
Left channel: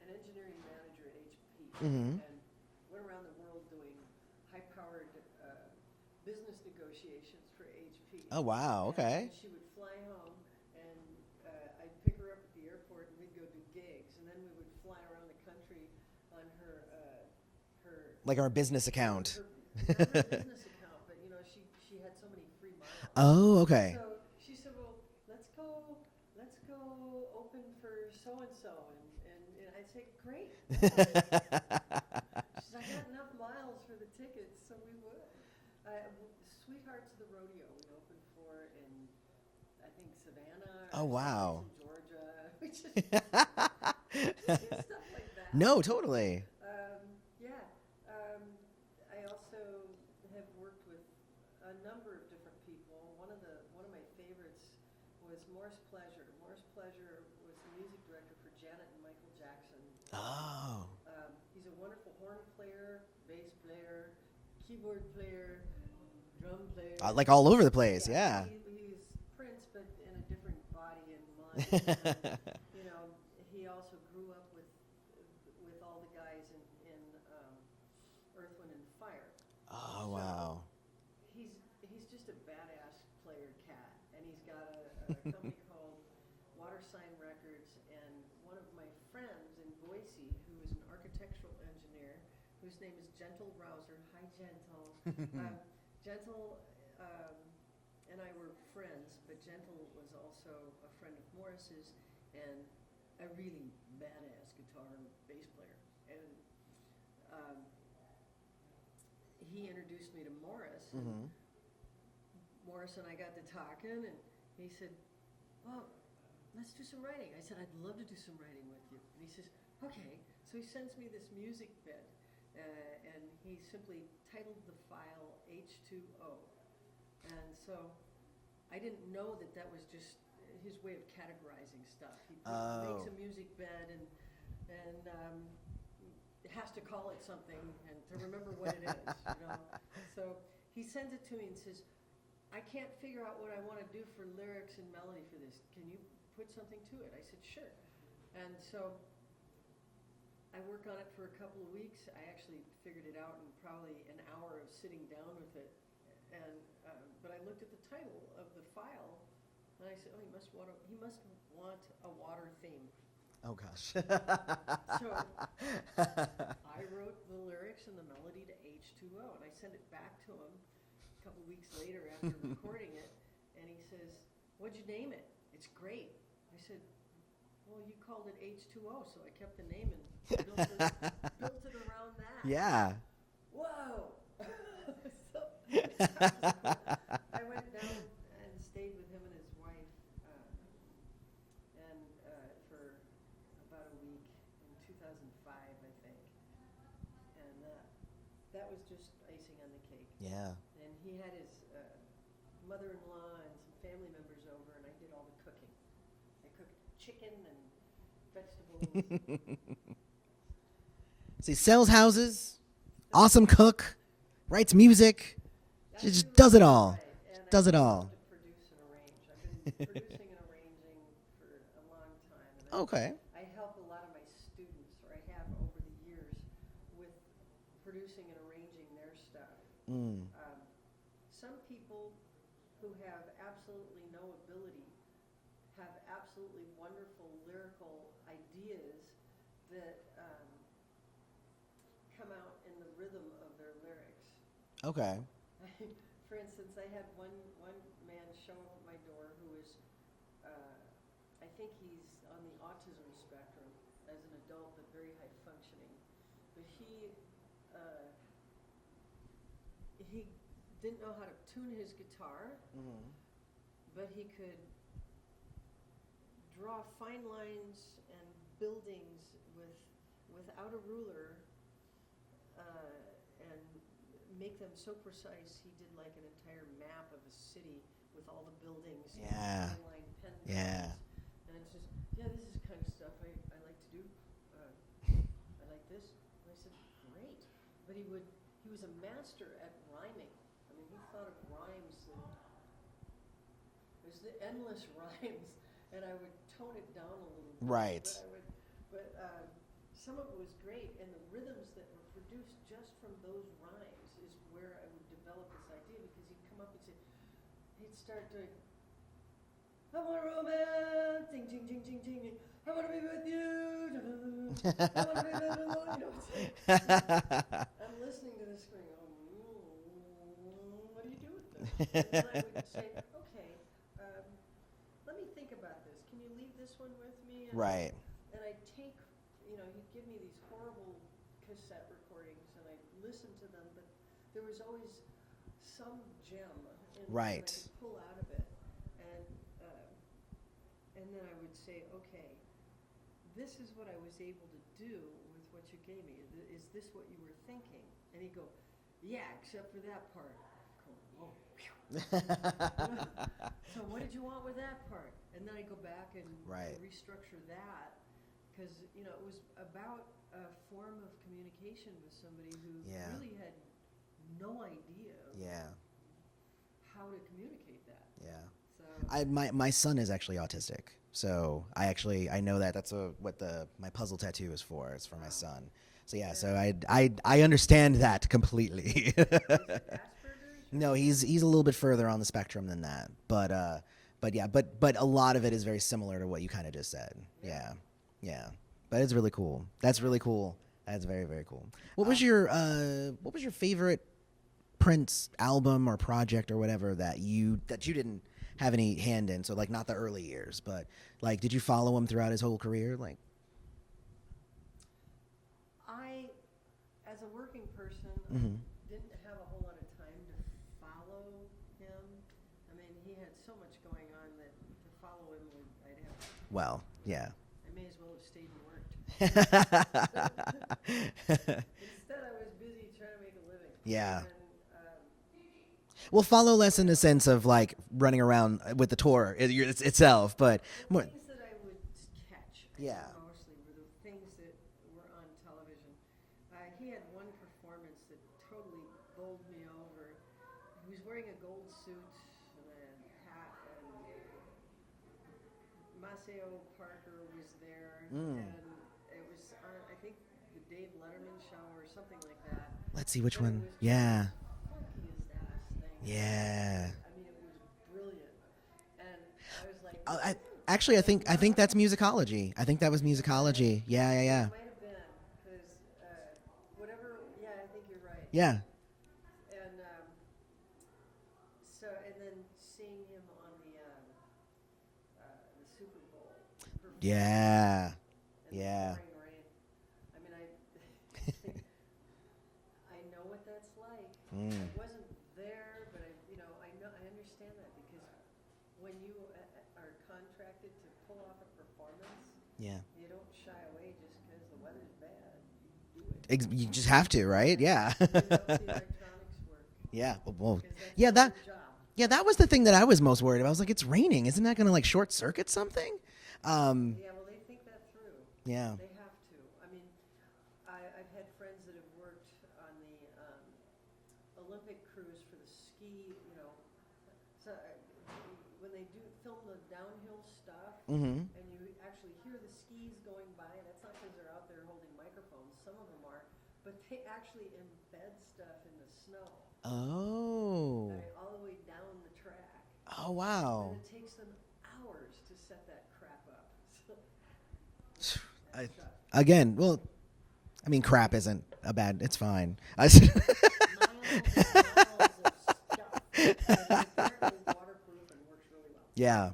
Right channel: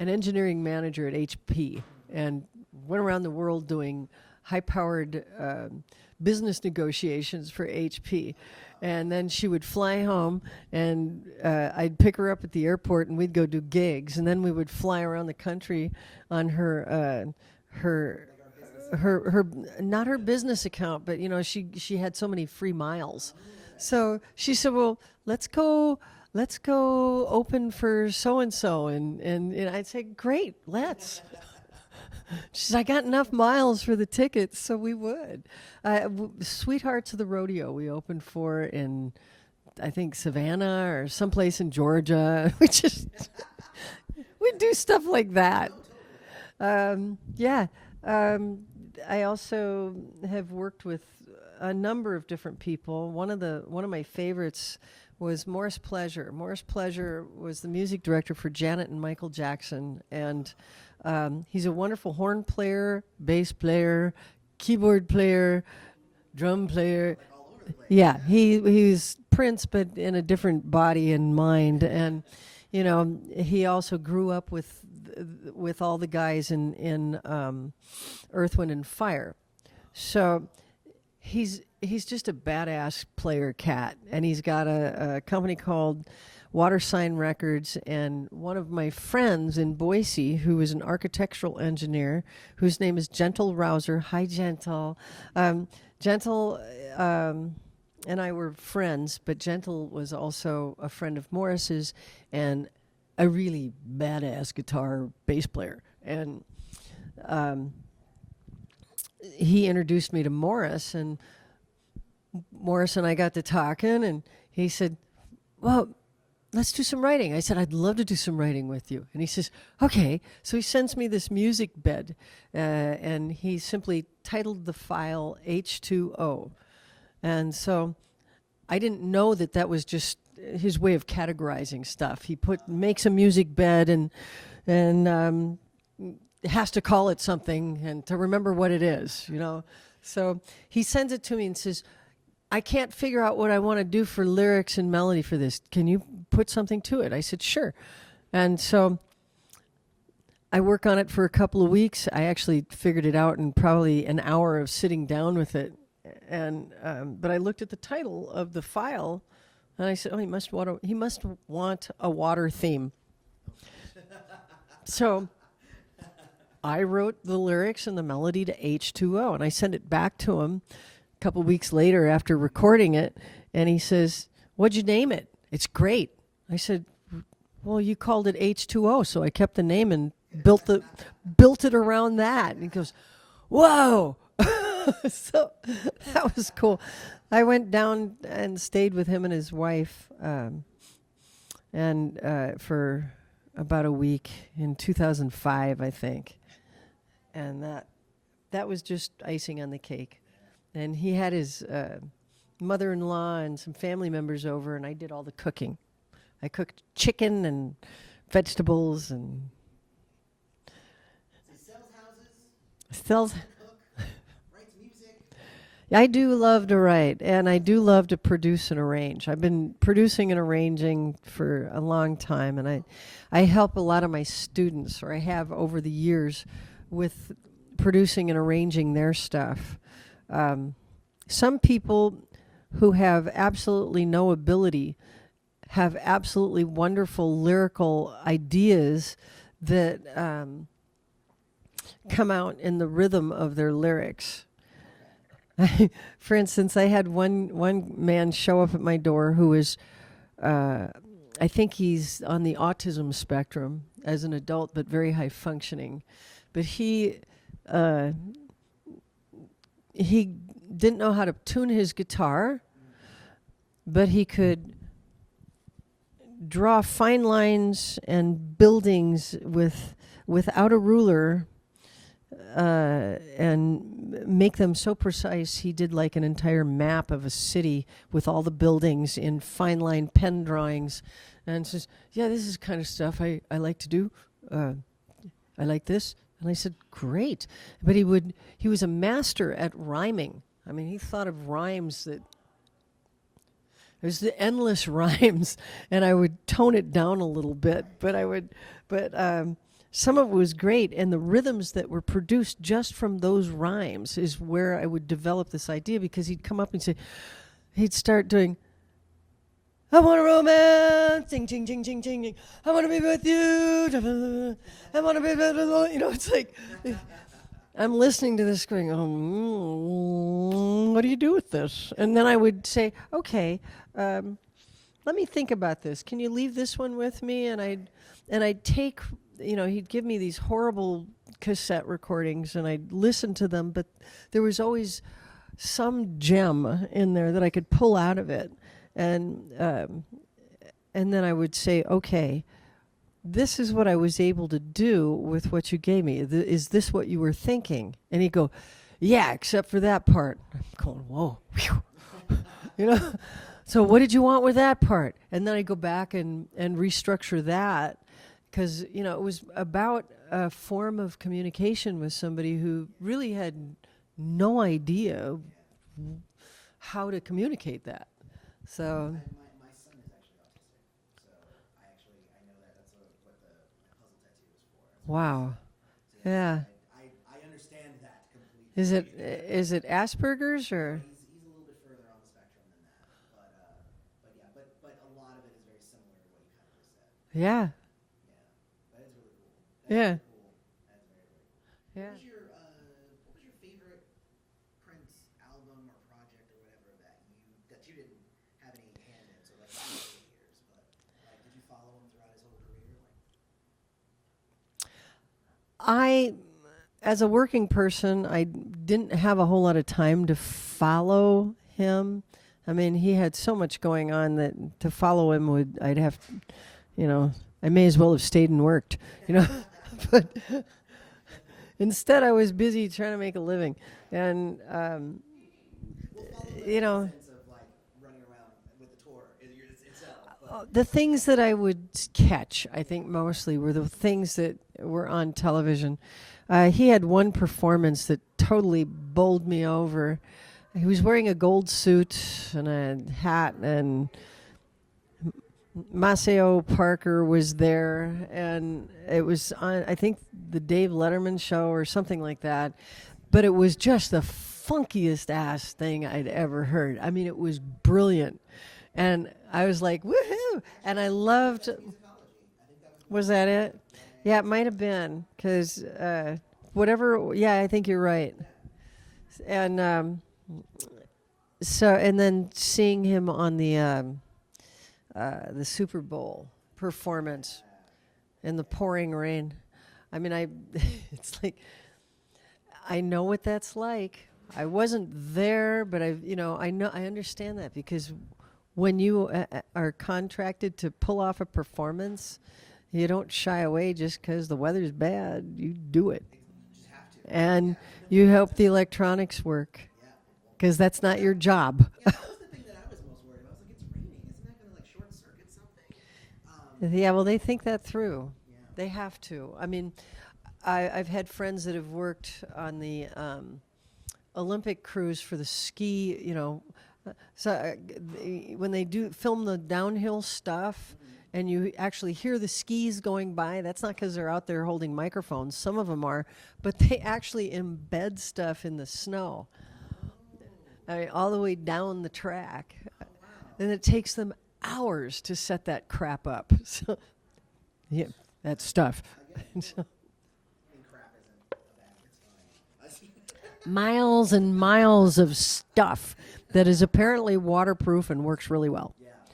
an engineering manager at HP and went around the world doing high-powered business negotiations for HP. Oh, wow. And okay. then she would fly home, and I'd pick her up at the airport, and we'd go do gigs, and then we would fly around the country on her like our business account. her not her business account, but she had so many free miles. Oh, okay. So she said, "Well, let's go open for so and so," and I'd say, "Great, let's." She said, "I got enough miles for the tickets, so we would." Sweethearts of the Rodeo we opened for in, I think, Savannah or someplace in Georgia. We just we do stuff like that. No, totally. Yeah. I also have worked with a number of different people. One of my favorites was Morris Pleasure. Morris Pleasure was the music director for Janet and Michael Jackson, and he's a wonderful horn player, bass player, keyboard player, drum player, Like all over the place. yeah. He's Prince, but in a different body and mind. And he also grew up with all the guys in Earth, Wind and Fire. So wow. he's just a badass player cat, and he's got a company called Water Sign Records. And one of my friends in Boise, who is an architectural engineer, whose name is Gentle Rouser. Hi, Gentle. Gentle and I were friends, but Gentle was also a friend of Morris's and a really badass guitar bass player. And he introduced me to Morris, and Morris and I got to talking, and he said, "Well, let's do some writing." I said, "I'd love to do some writing with you." And he says, "Okay." So he sends me this music bed, and he simply titled the file H2O. And so I didn't know that was just his way of categorizing stuff. He makes a music bed and has to call it something and to remember what it is, So he sends it to me and says, "I can't figure out what I want to do for lyrics and melody for this. Can you put something to it?" I said, "Sure." And so I work on it for a couple of weeks. I actually figured it out in probably an hour of sitting down with it. And but I looked at the title of the file, and I said, "Oh, he must want a water theme." Oh, gosh. So I wrote the lyrics and the melody to H2O, and I sent it back to him a couple weeks later after recording it, and he says, "What'd you name it?" "It's great." I said, "Well, you called it H2O," so I kept the name and built it around that. Yeah. He goes, "Whoa." So that was cool. I went down and stayed with him and his wife and for about a week in 2005, I think. And that was just icing on the cake. Yeah. And he had his mother-in-law and some family members over, and I did all the cooking. I cooked chicken and vegetables. And So he sells houses, awesome cook, writes music. I Just do does love it to all. write, and I Does it do all. love to produce and arrange. I've been producing and arranging for a long time, and Okay. I help a lot of my students, or I have over the years, with producing and arranging their stuff. Some people who have absolutely no ability have absolutely wonderful lyrical ideas that come out in the rhythm of their lyrics. Okay. For instance, I had one man show up at my door who was, I think he's on the autism spectrum as an adult, but very high functioning. But he didn't know how to tune his guitar, but he could draw fine lines and buildings without a ruler, and make them so precise. He did like an entire map of a city with all the buildings in fine line pen drawings, and says, "Yeah, this is kind of stuff I like to do. I like this." And I said, "Great," but he was a master at rhyming. I mean, he thought of rhymes that. There's the endless rhymes, and I would tone it down a little bit, but some of it was great, and the rhythms that were produced just from those rhymes is where I would develop this idea, because he'd come up and say, he'd start doing, "I want a romance, ting, ting, ting, ting, ting, ting. I want to be with you, I want to be with you." You know, it's like, I'm listening to this going, what do you do with this? And then I would say, okay, let me think about this. Can you leave this one with me? And I'd take, he'd give me these horrible cassette recordings, and I'd listen to them, but there was always some gem in there that I could pull out of it. And then I would say, okay, this is what I was able to do with what you gave me. Is this what you were thinking? And he'd go, "Yeah, except for that part." I'm going, whoa. So what did you want with that part? And then I go back and restructure that, because, it was about a form of communication with somebody who really had no idea how to communicate that. So my son is actually autistic, so I know that that's what my puzzle tattoo is for. It's for my son. So so I understand that completely. Is it Asperger's, or? No, he's a little bit further on the spectrum than that, but a lot of it is very similar to what you kind of just said. Yeah. But it's really cool. That's really cool. That's very, very cool. What was your favorite Prince album or project or whatever that you didn't have any hand in? So, like, not the early years, but like, did you follow him throughout his whole career? Like, as a working person, I didn't have a whole lot of time to follow him. I mean, he had so much going on that to follow him I'd have, I may as well have stayed and worked. Instead, I was busy trying to make a living. Yeah. And well, follow less in the sense of like running around with the tour itself, but the things that I would catch, I think mostly were the things that were on television. He had one performance that totally bowled me over. He was wearing a gold suit and a hat, and Maceo Parker was there, and it was on, I think, the Dave Letterman show or something like that. Let's see which but one. It was just the funkiest ass thing I'd ever heard. I mean, it was brilliant, and I was like, woohoo! Actually, I think that's musicology. I think that was musicology. Was that it? Yeah. Yeah, it might have been, because whatever. Yeah, I think you're right. Yeah. And and then seeing him on the Super Bowl performance in the pouring rain. I mean, it's like, I know what that's like. I wasn't there, but I understand that, because when you are contracted to pull off a performance, you don't shy away just because the weather's bad. You do it. You just have to, right? And you help the electronics work. Yeah. Because that's not your job. Yeah, that was the thing that I was most worried about. I was like, it's raining. Isn't that going to like short circuit something? Well, they think that through. Yeah. They have to. I mean, I've had friends that have worked on the Olympic crews for the ski, so when they film the downhill stuff, and you actually hear the skis going by, that's not because they're out there holding microphones. Some of them are, but they actually embed stuff in the snow. Oh. I mean, all the way down the track. Oh, wow. And it takes them hours to set that crap up. So, yeah, that stuff. Again, well, I mean, crap isn't it's fine. Miles and miles of stuff that is apparently waterproof and works really well. Yeah.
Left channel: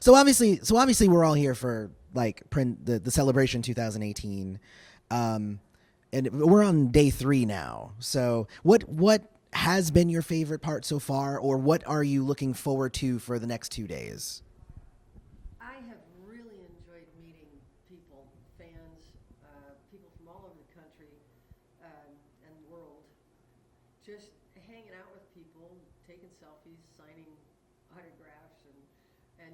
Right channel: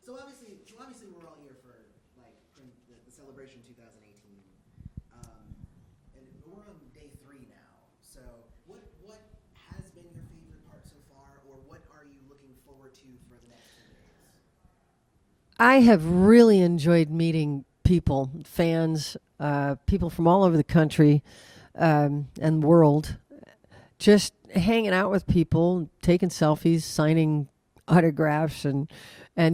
So obviously we're all here for like the celebration 2018, and we're on day 3 now. So what has been your favorite part so far, or what are you looking forward to for the next 2 days? I have really enjoyed meeting people, fans, people from all over the country and world, just hanging out with people, taking selfies, signing autographs, and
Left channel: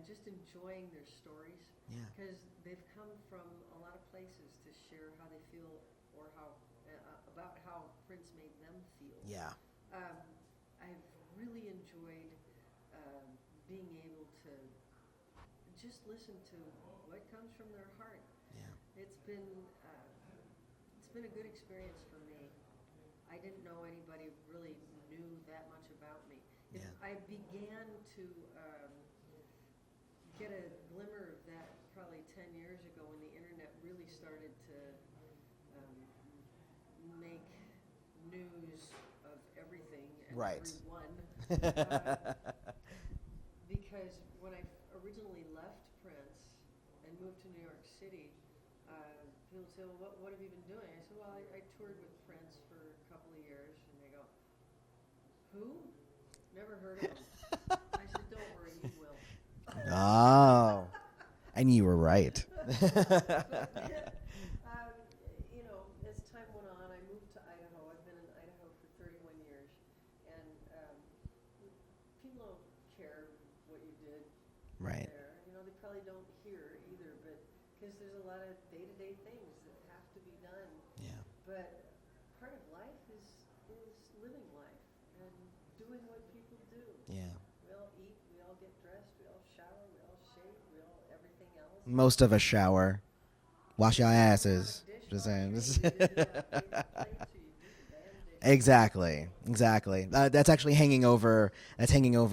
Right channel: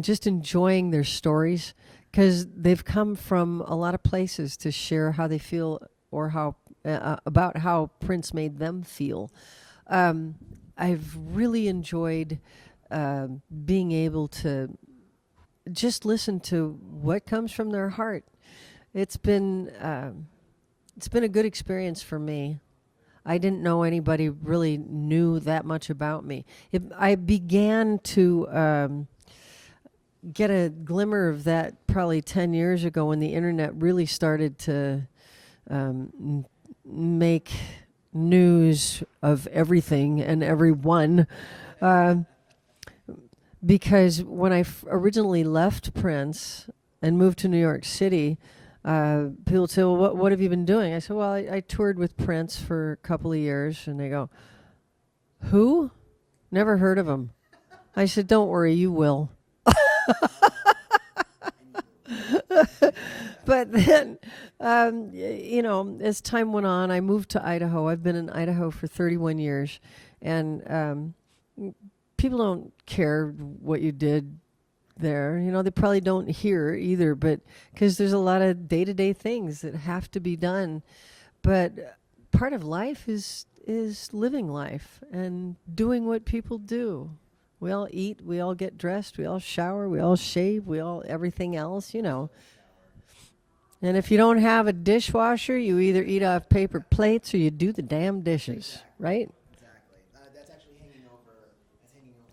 just enjoying their stories, because they've come from a lot of places to share how they feel or how about how Prince made them feel. Yeah. I've really enjoyed being able to just listen to what comes from their heart. It's been a good experience for me. I didn't know anybody really knew that much about me. I began to get a glimmer of that probably 10 years ago when the internet really started to make news of everything and everyone. Because when I originally left Prince and moved to New York City, people would say, well, what have you been doing? I said, well, I toured with Prince for a couple of years. And they go, who? Never heard of him. I said, don't worry, you will. Oh. And you were right. But then, as time went on, I moved to Idaho. I've been in Idaho for 31 years. And people don't care what you did there. They probably don't hear either, but because there's a lot of day-to-day things that have to be done. But part of life is living life and doing what people do. Yeah. We all eat, we all get dressed, we all shower, we all shave, we all everything else. Most of us shower. Wash and if you don't have a dishwasher, you either eat off paper plates or you do the damn dishes. Exactly. Right? Exactly. That's actually hanging over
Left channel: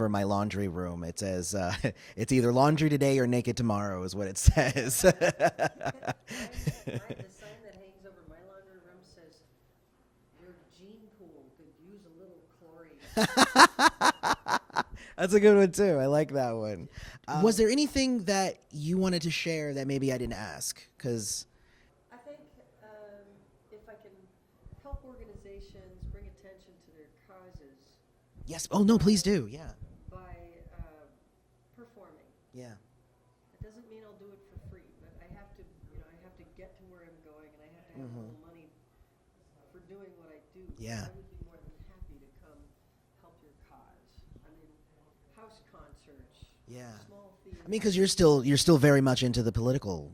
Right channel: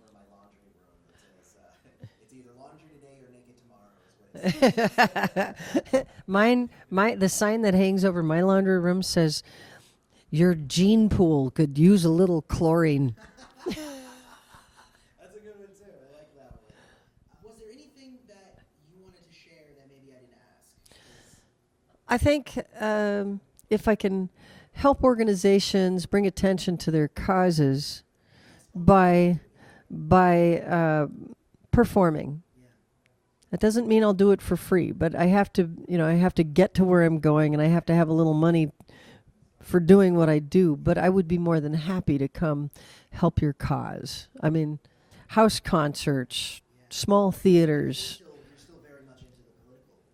my laundry room. It says it's either laundry today or naked tomorrow is what it says. The sign that hangs over my laundry room says, your gene pool could use a little chlorine. That's a good one too. I like that one. Was there anything that you wanted to share that maybe I didn't ask? Because I think if I can help organizations bring attention to their causes, yes. Oh no, please do. Yeah. By performing. Yeah. That doesn't mean I'll do it for free, but I have to, I have to get to where I'm going, and I have to have a little money for doing what I do. Yeah. But I would be more than happy to come help your cause. I mean, house concerts, small theaters. Because you're still very much into the political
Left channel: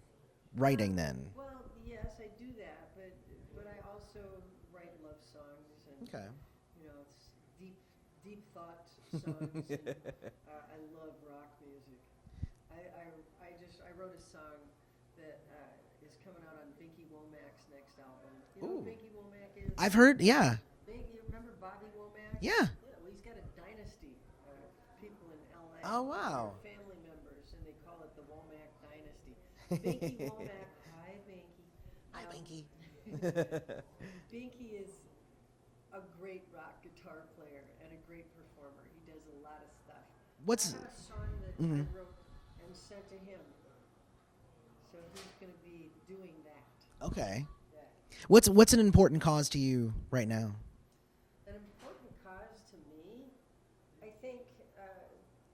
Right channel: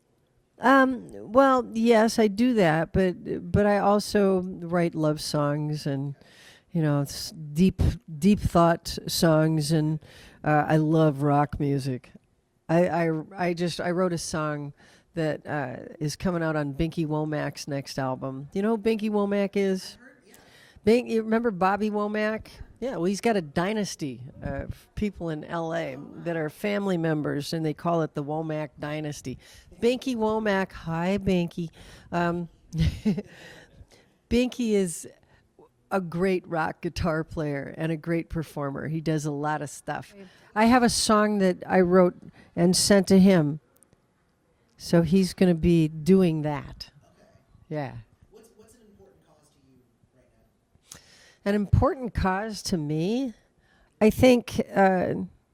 writing then. Well, yes, I do that, but I also write love songs and deep thought songs, and I love rock music. I wrote a song that is coming out on Binky Womack's next album. You know who Binky Womack is? I've heard, yeah. You remember Bobby Womack? Yeah. Yeah, well, he's got a dynasty of people in L.A. that are family members, and they call it the Womack Dynasty. Binky Womack, hi, Binky. Binky is a great rock guitar player and a great performer. He does a lot of stuff. I have a song that I wrote and sent to him, so he's going to be doing that. Okay. Yeah. What's an important cause to you right now? An important cause to me, I think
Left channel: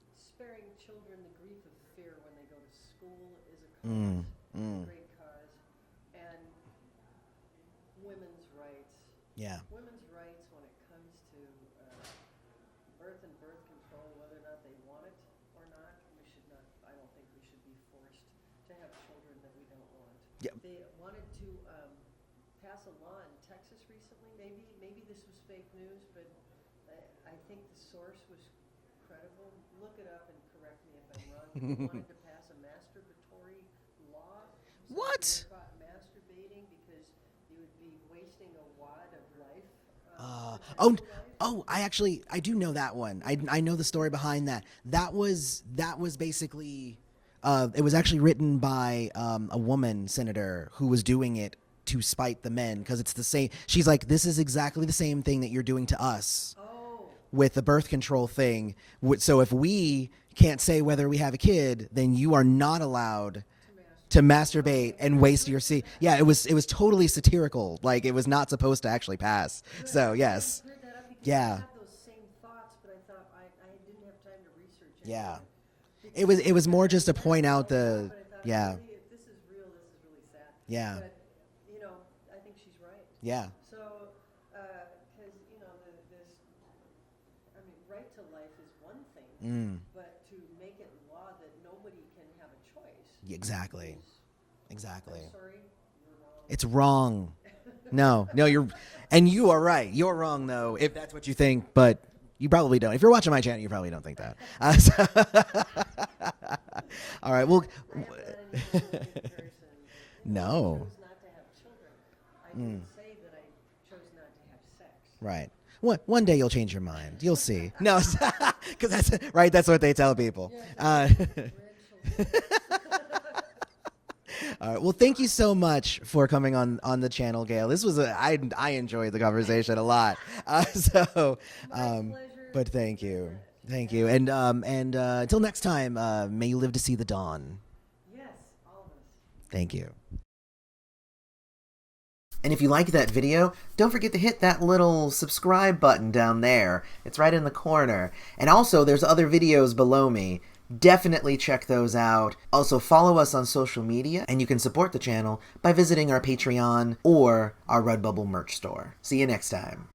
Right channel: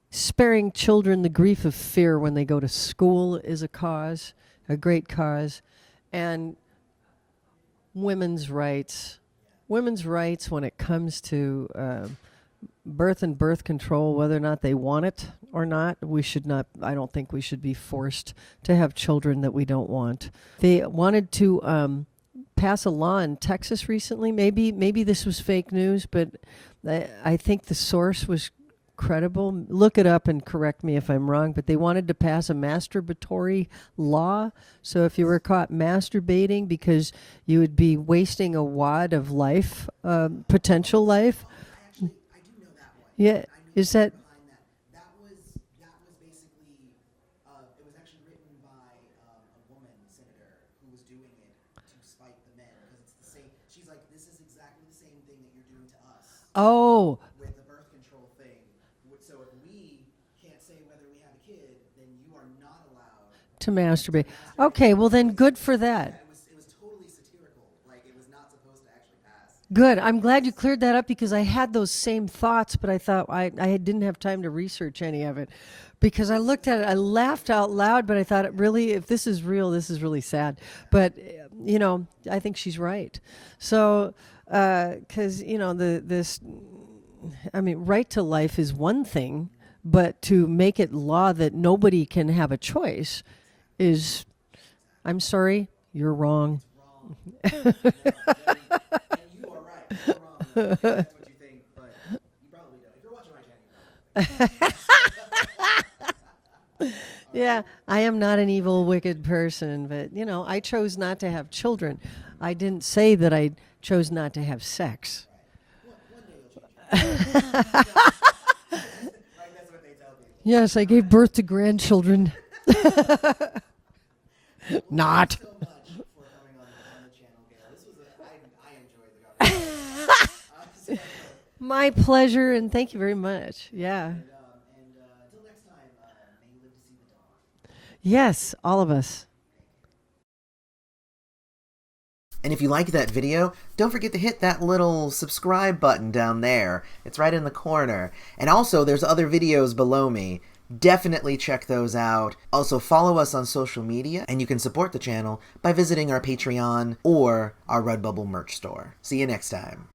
sparing children the grief of fear when they go to school is a cause, a great cause. And women's rights. Yeah. Women's rights when it comes to birth and birth control, whether or not they want it or not, I don't think we should be forced to have children that we don't want. Yeah. They wanted to pass a law in Texas recently. Maybe this was fake news, but I think the source was credible. Look it up and correct me if I'm wrong, but they wanted to pass a masturbatory law. So if you were caught masturbating, because you would be wasting a wad of life, potential life. Oh, I do know that one. Yeah. I know the story behind that. That was basically, it was actually written by a woman senator who was doing it to spite the men, because it's the same. She's like, this is exactly the same thing that you're doing to us. Oh, with the birth control thing. So if we, can't say whether we have a kid, then you are not allowed to masturbate. Okay, well and then waste good your for seed. that. Yeah, it was totally satirical. Like, it was not supposed to actually pass. Good. So, I'm glad you yes. cleared that up because I Yeah. had those same thoughts, but I thought I didn't have time to research any of Yeah. it. Because It I was looked at more it, I just to laughed point out out the- loud, but I thought, yeah. really, if this is real, this is really sad. Yeah. But, you know, I think she's right. Yeah. So, because, you know, right to life is one thing, but to make it law that nobody can have a choice Exactly. is, Exactly. I'm sorry, you're wrong. It's wrong. No, and you are right. You're wrong, though, if that's what you think, but you probably don't. If you're watching my channel, you probably don't think that. All right. Yeah, Well, I am not an evil, wicked person, but, you know, I No. chose not to have children. I didn't say that I chose not to have sex. right. One day you'll change your mind. You'll see. No, 'cause that's what they tell people. Yes, I gave birth to grandchildren. Well, thank you Not. so much for coming on the channel, Gayle. This was I enjoyed the conversation a lot. My pleasure, but and thank you very much. Thank Yeah. you. And until next time, may you live to see the dawn. Yes, all of us. Thank you. And if you liked that video, don't forget to hit that little subscribe button down there. It's right in the corner. And also, there's other videos below me. Definitely check those out. Also, follow us on social media, and you can support the channel by visiting our Patreon or our Redbubble merch store. See you next time.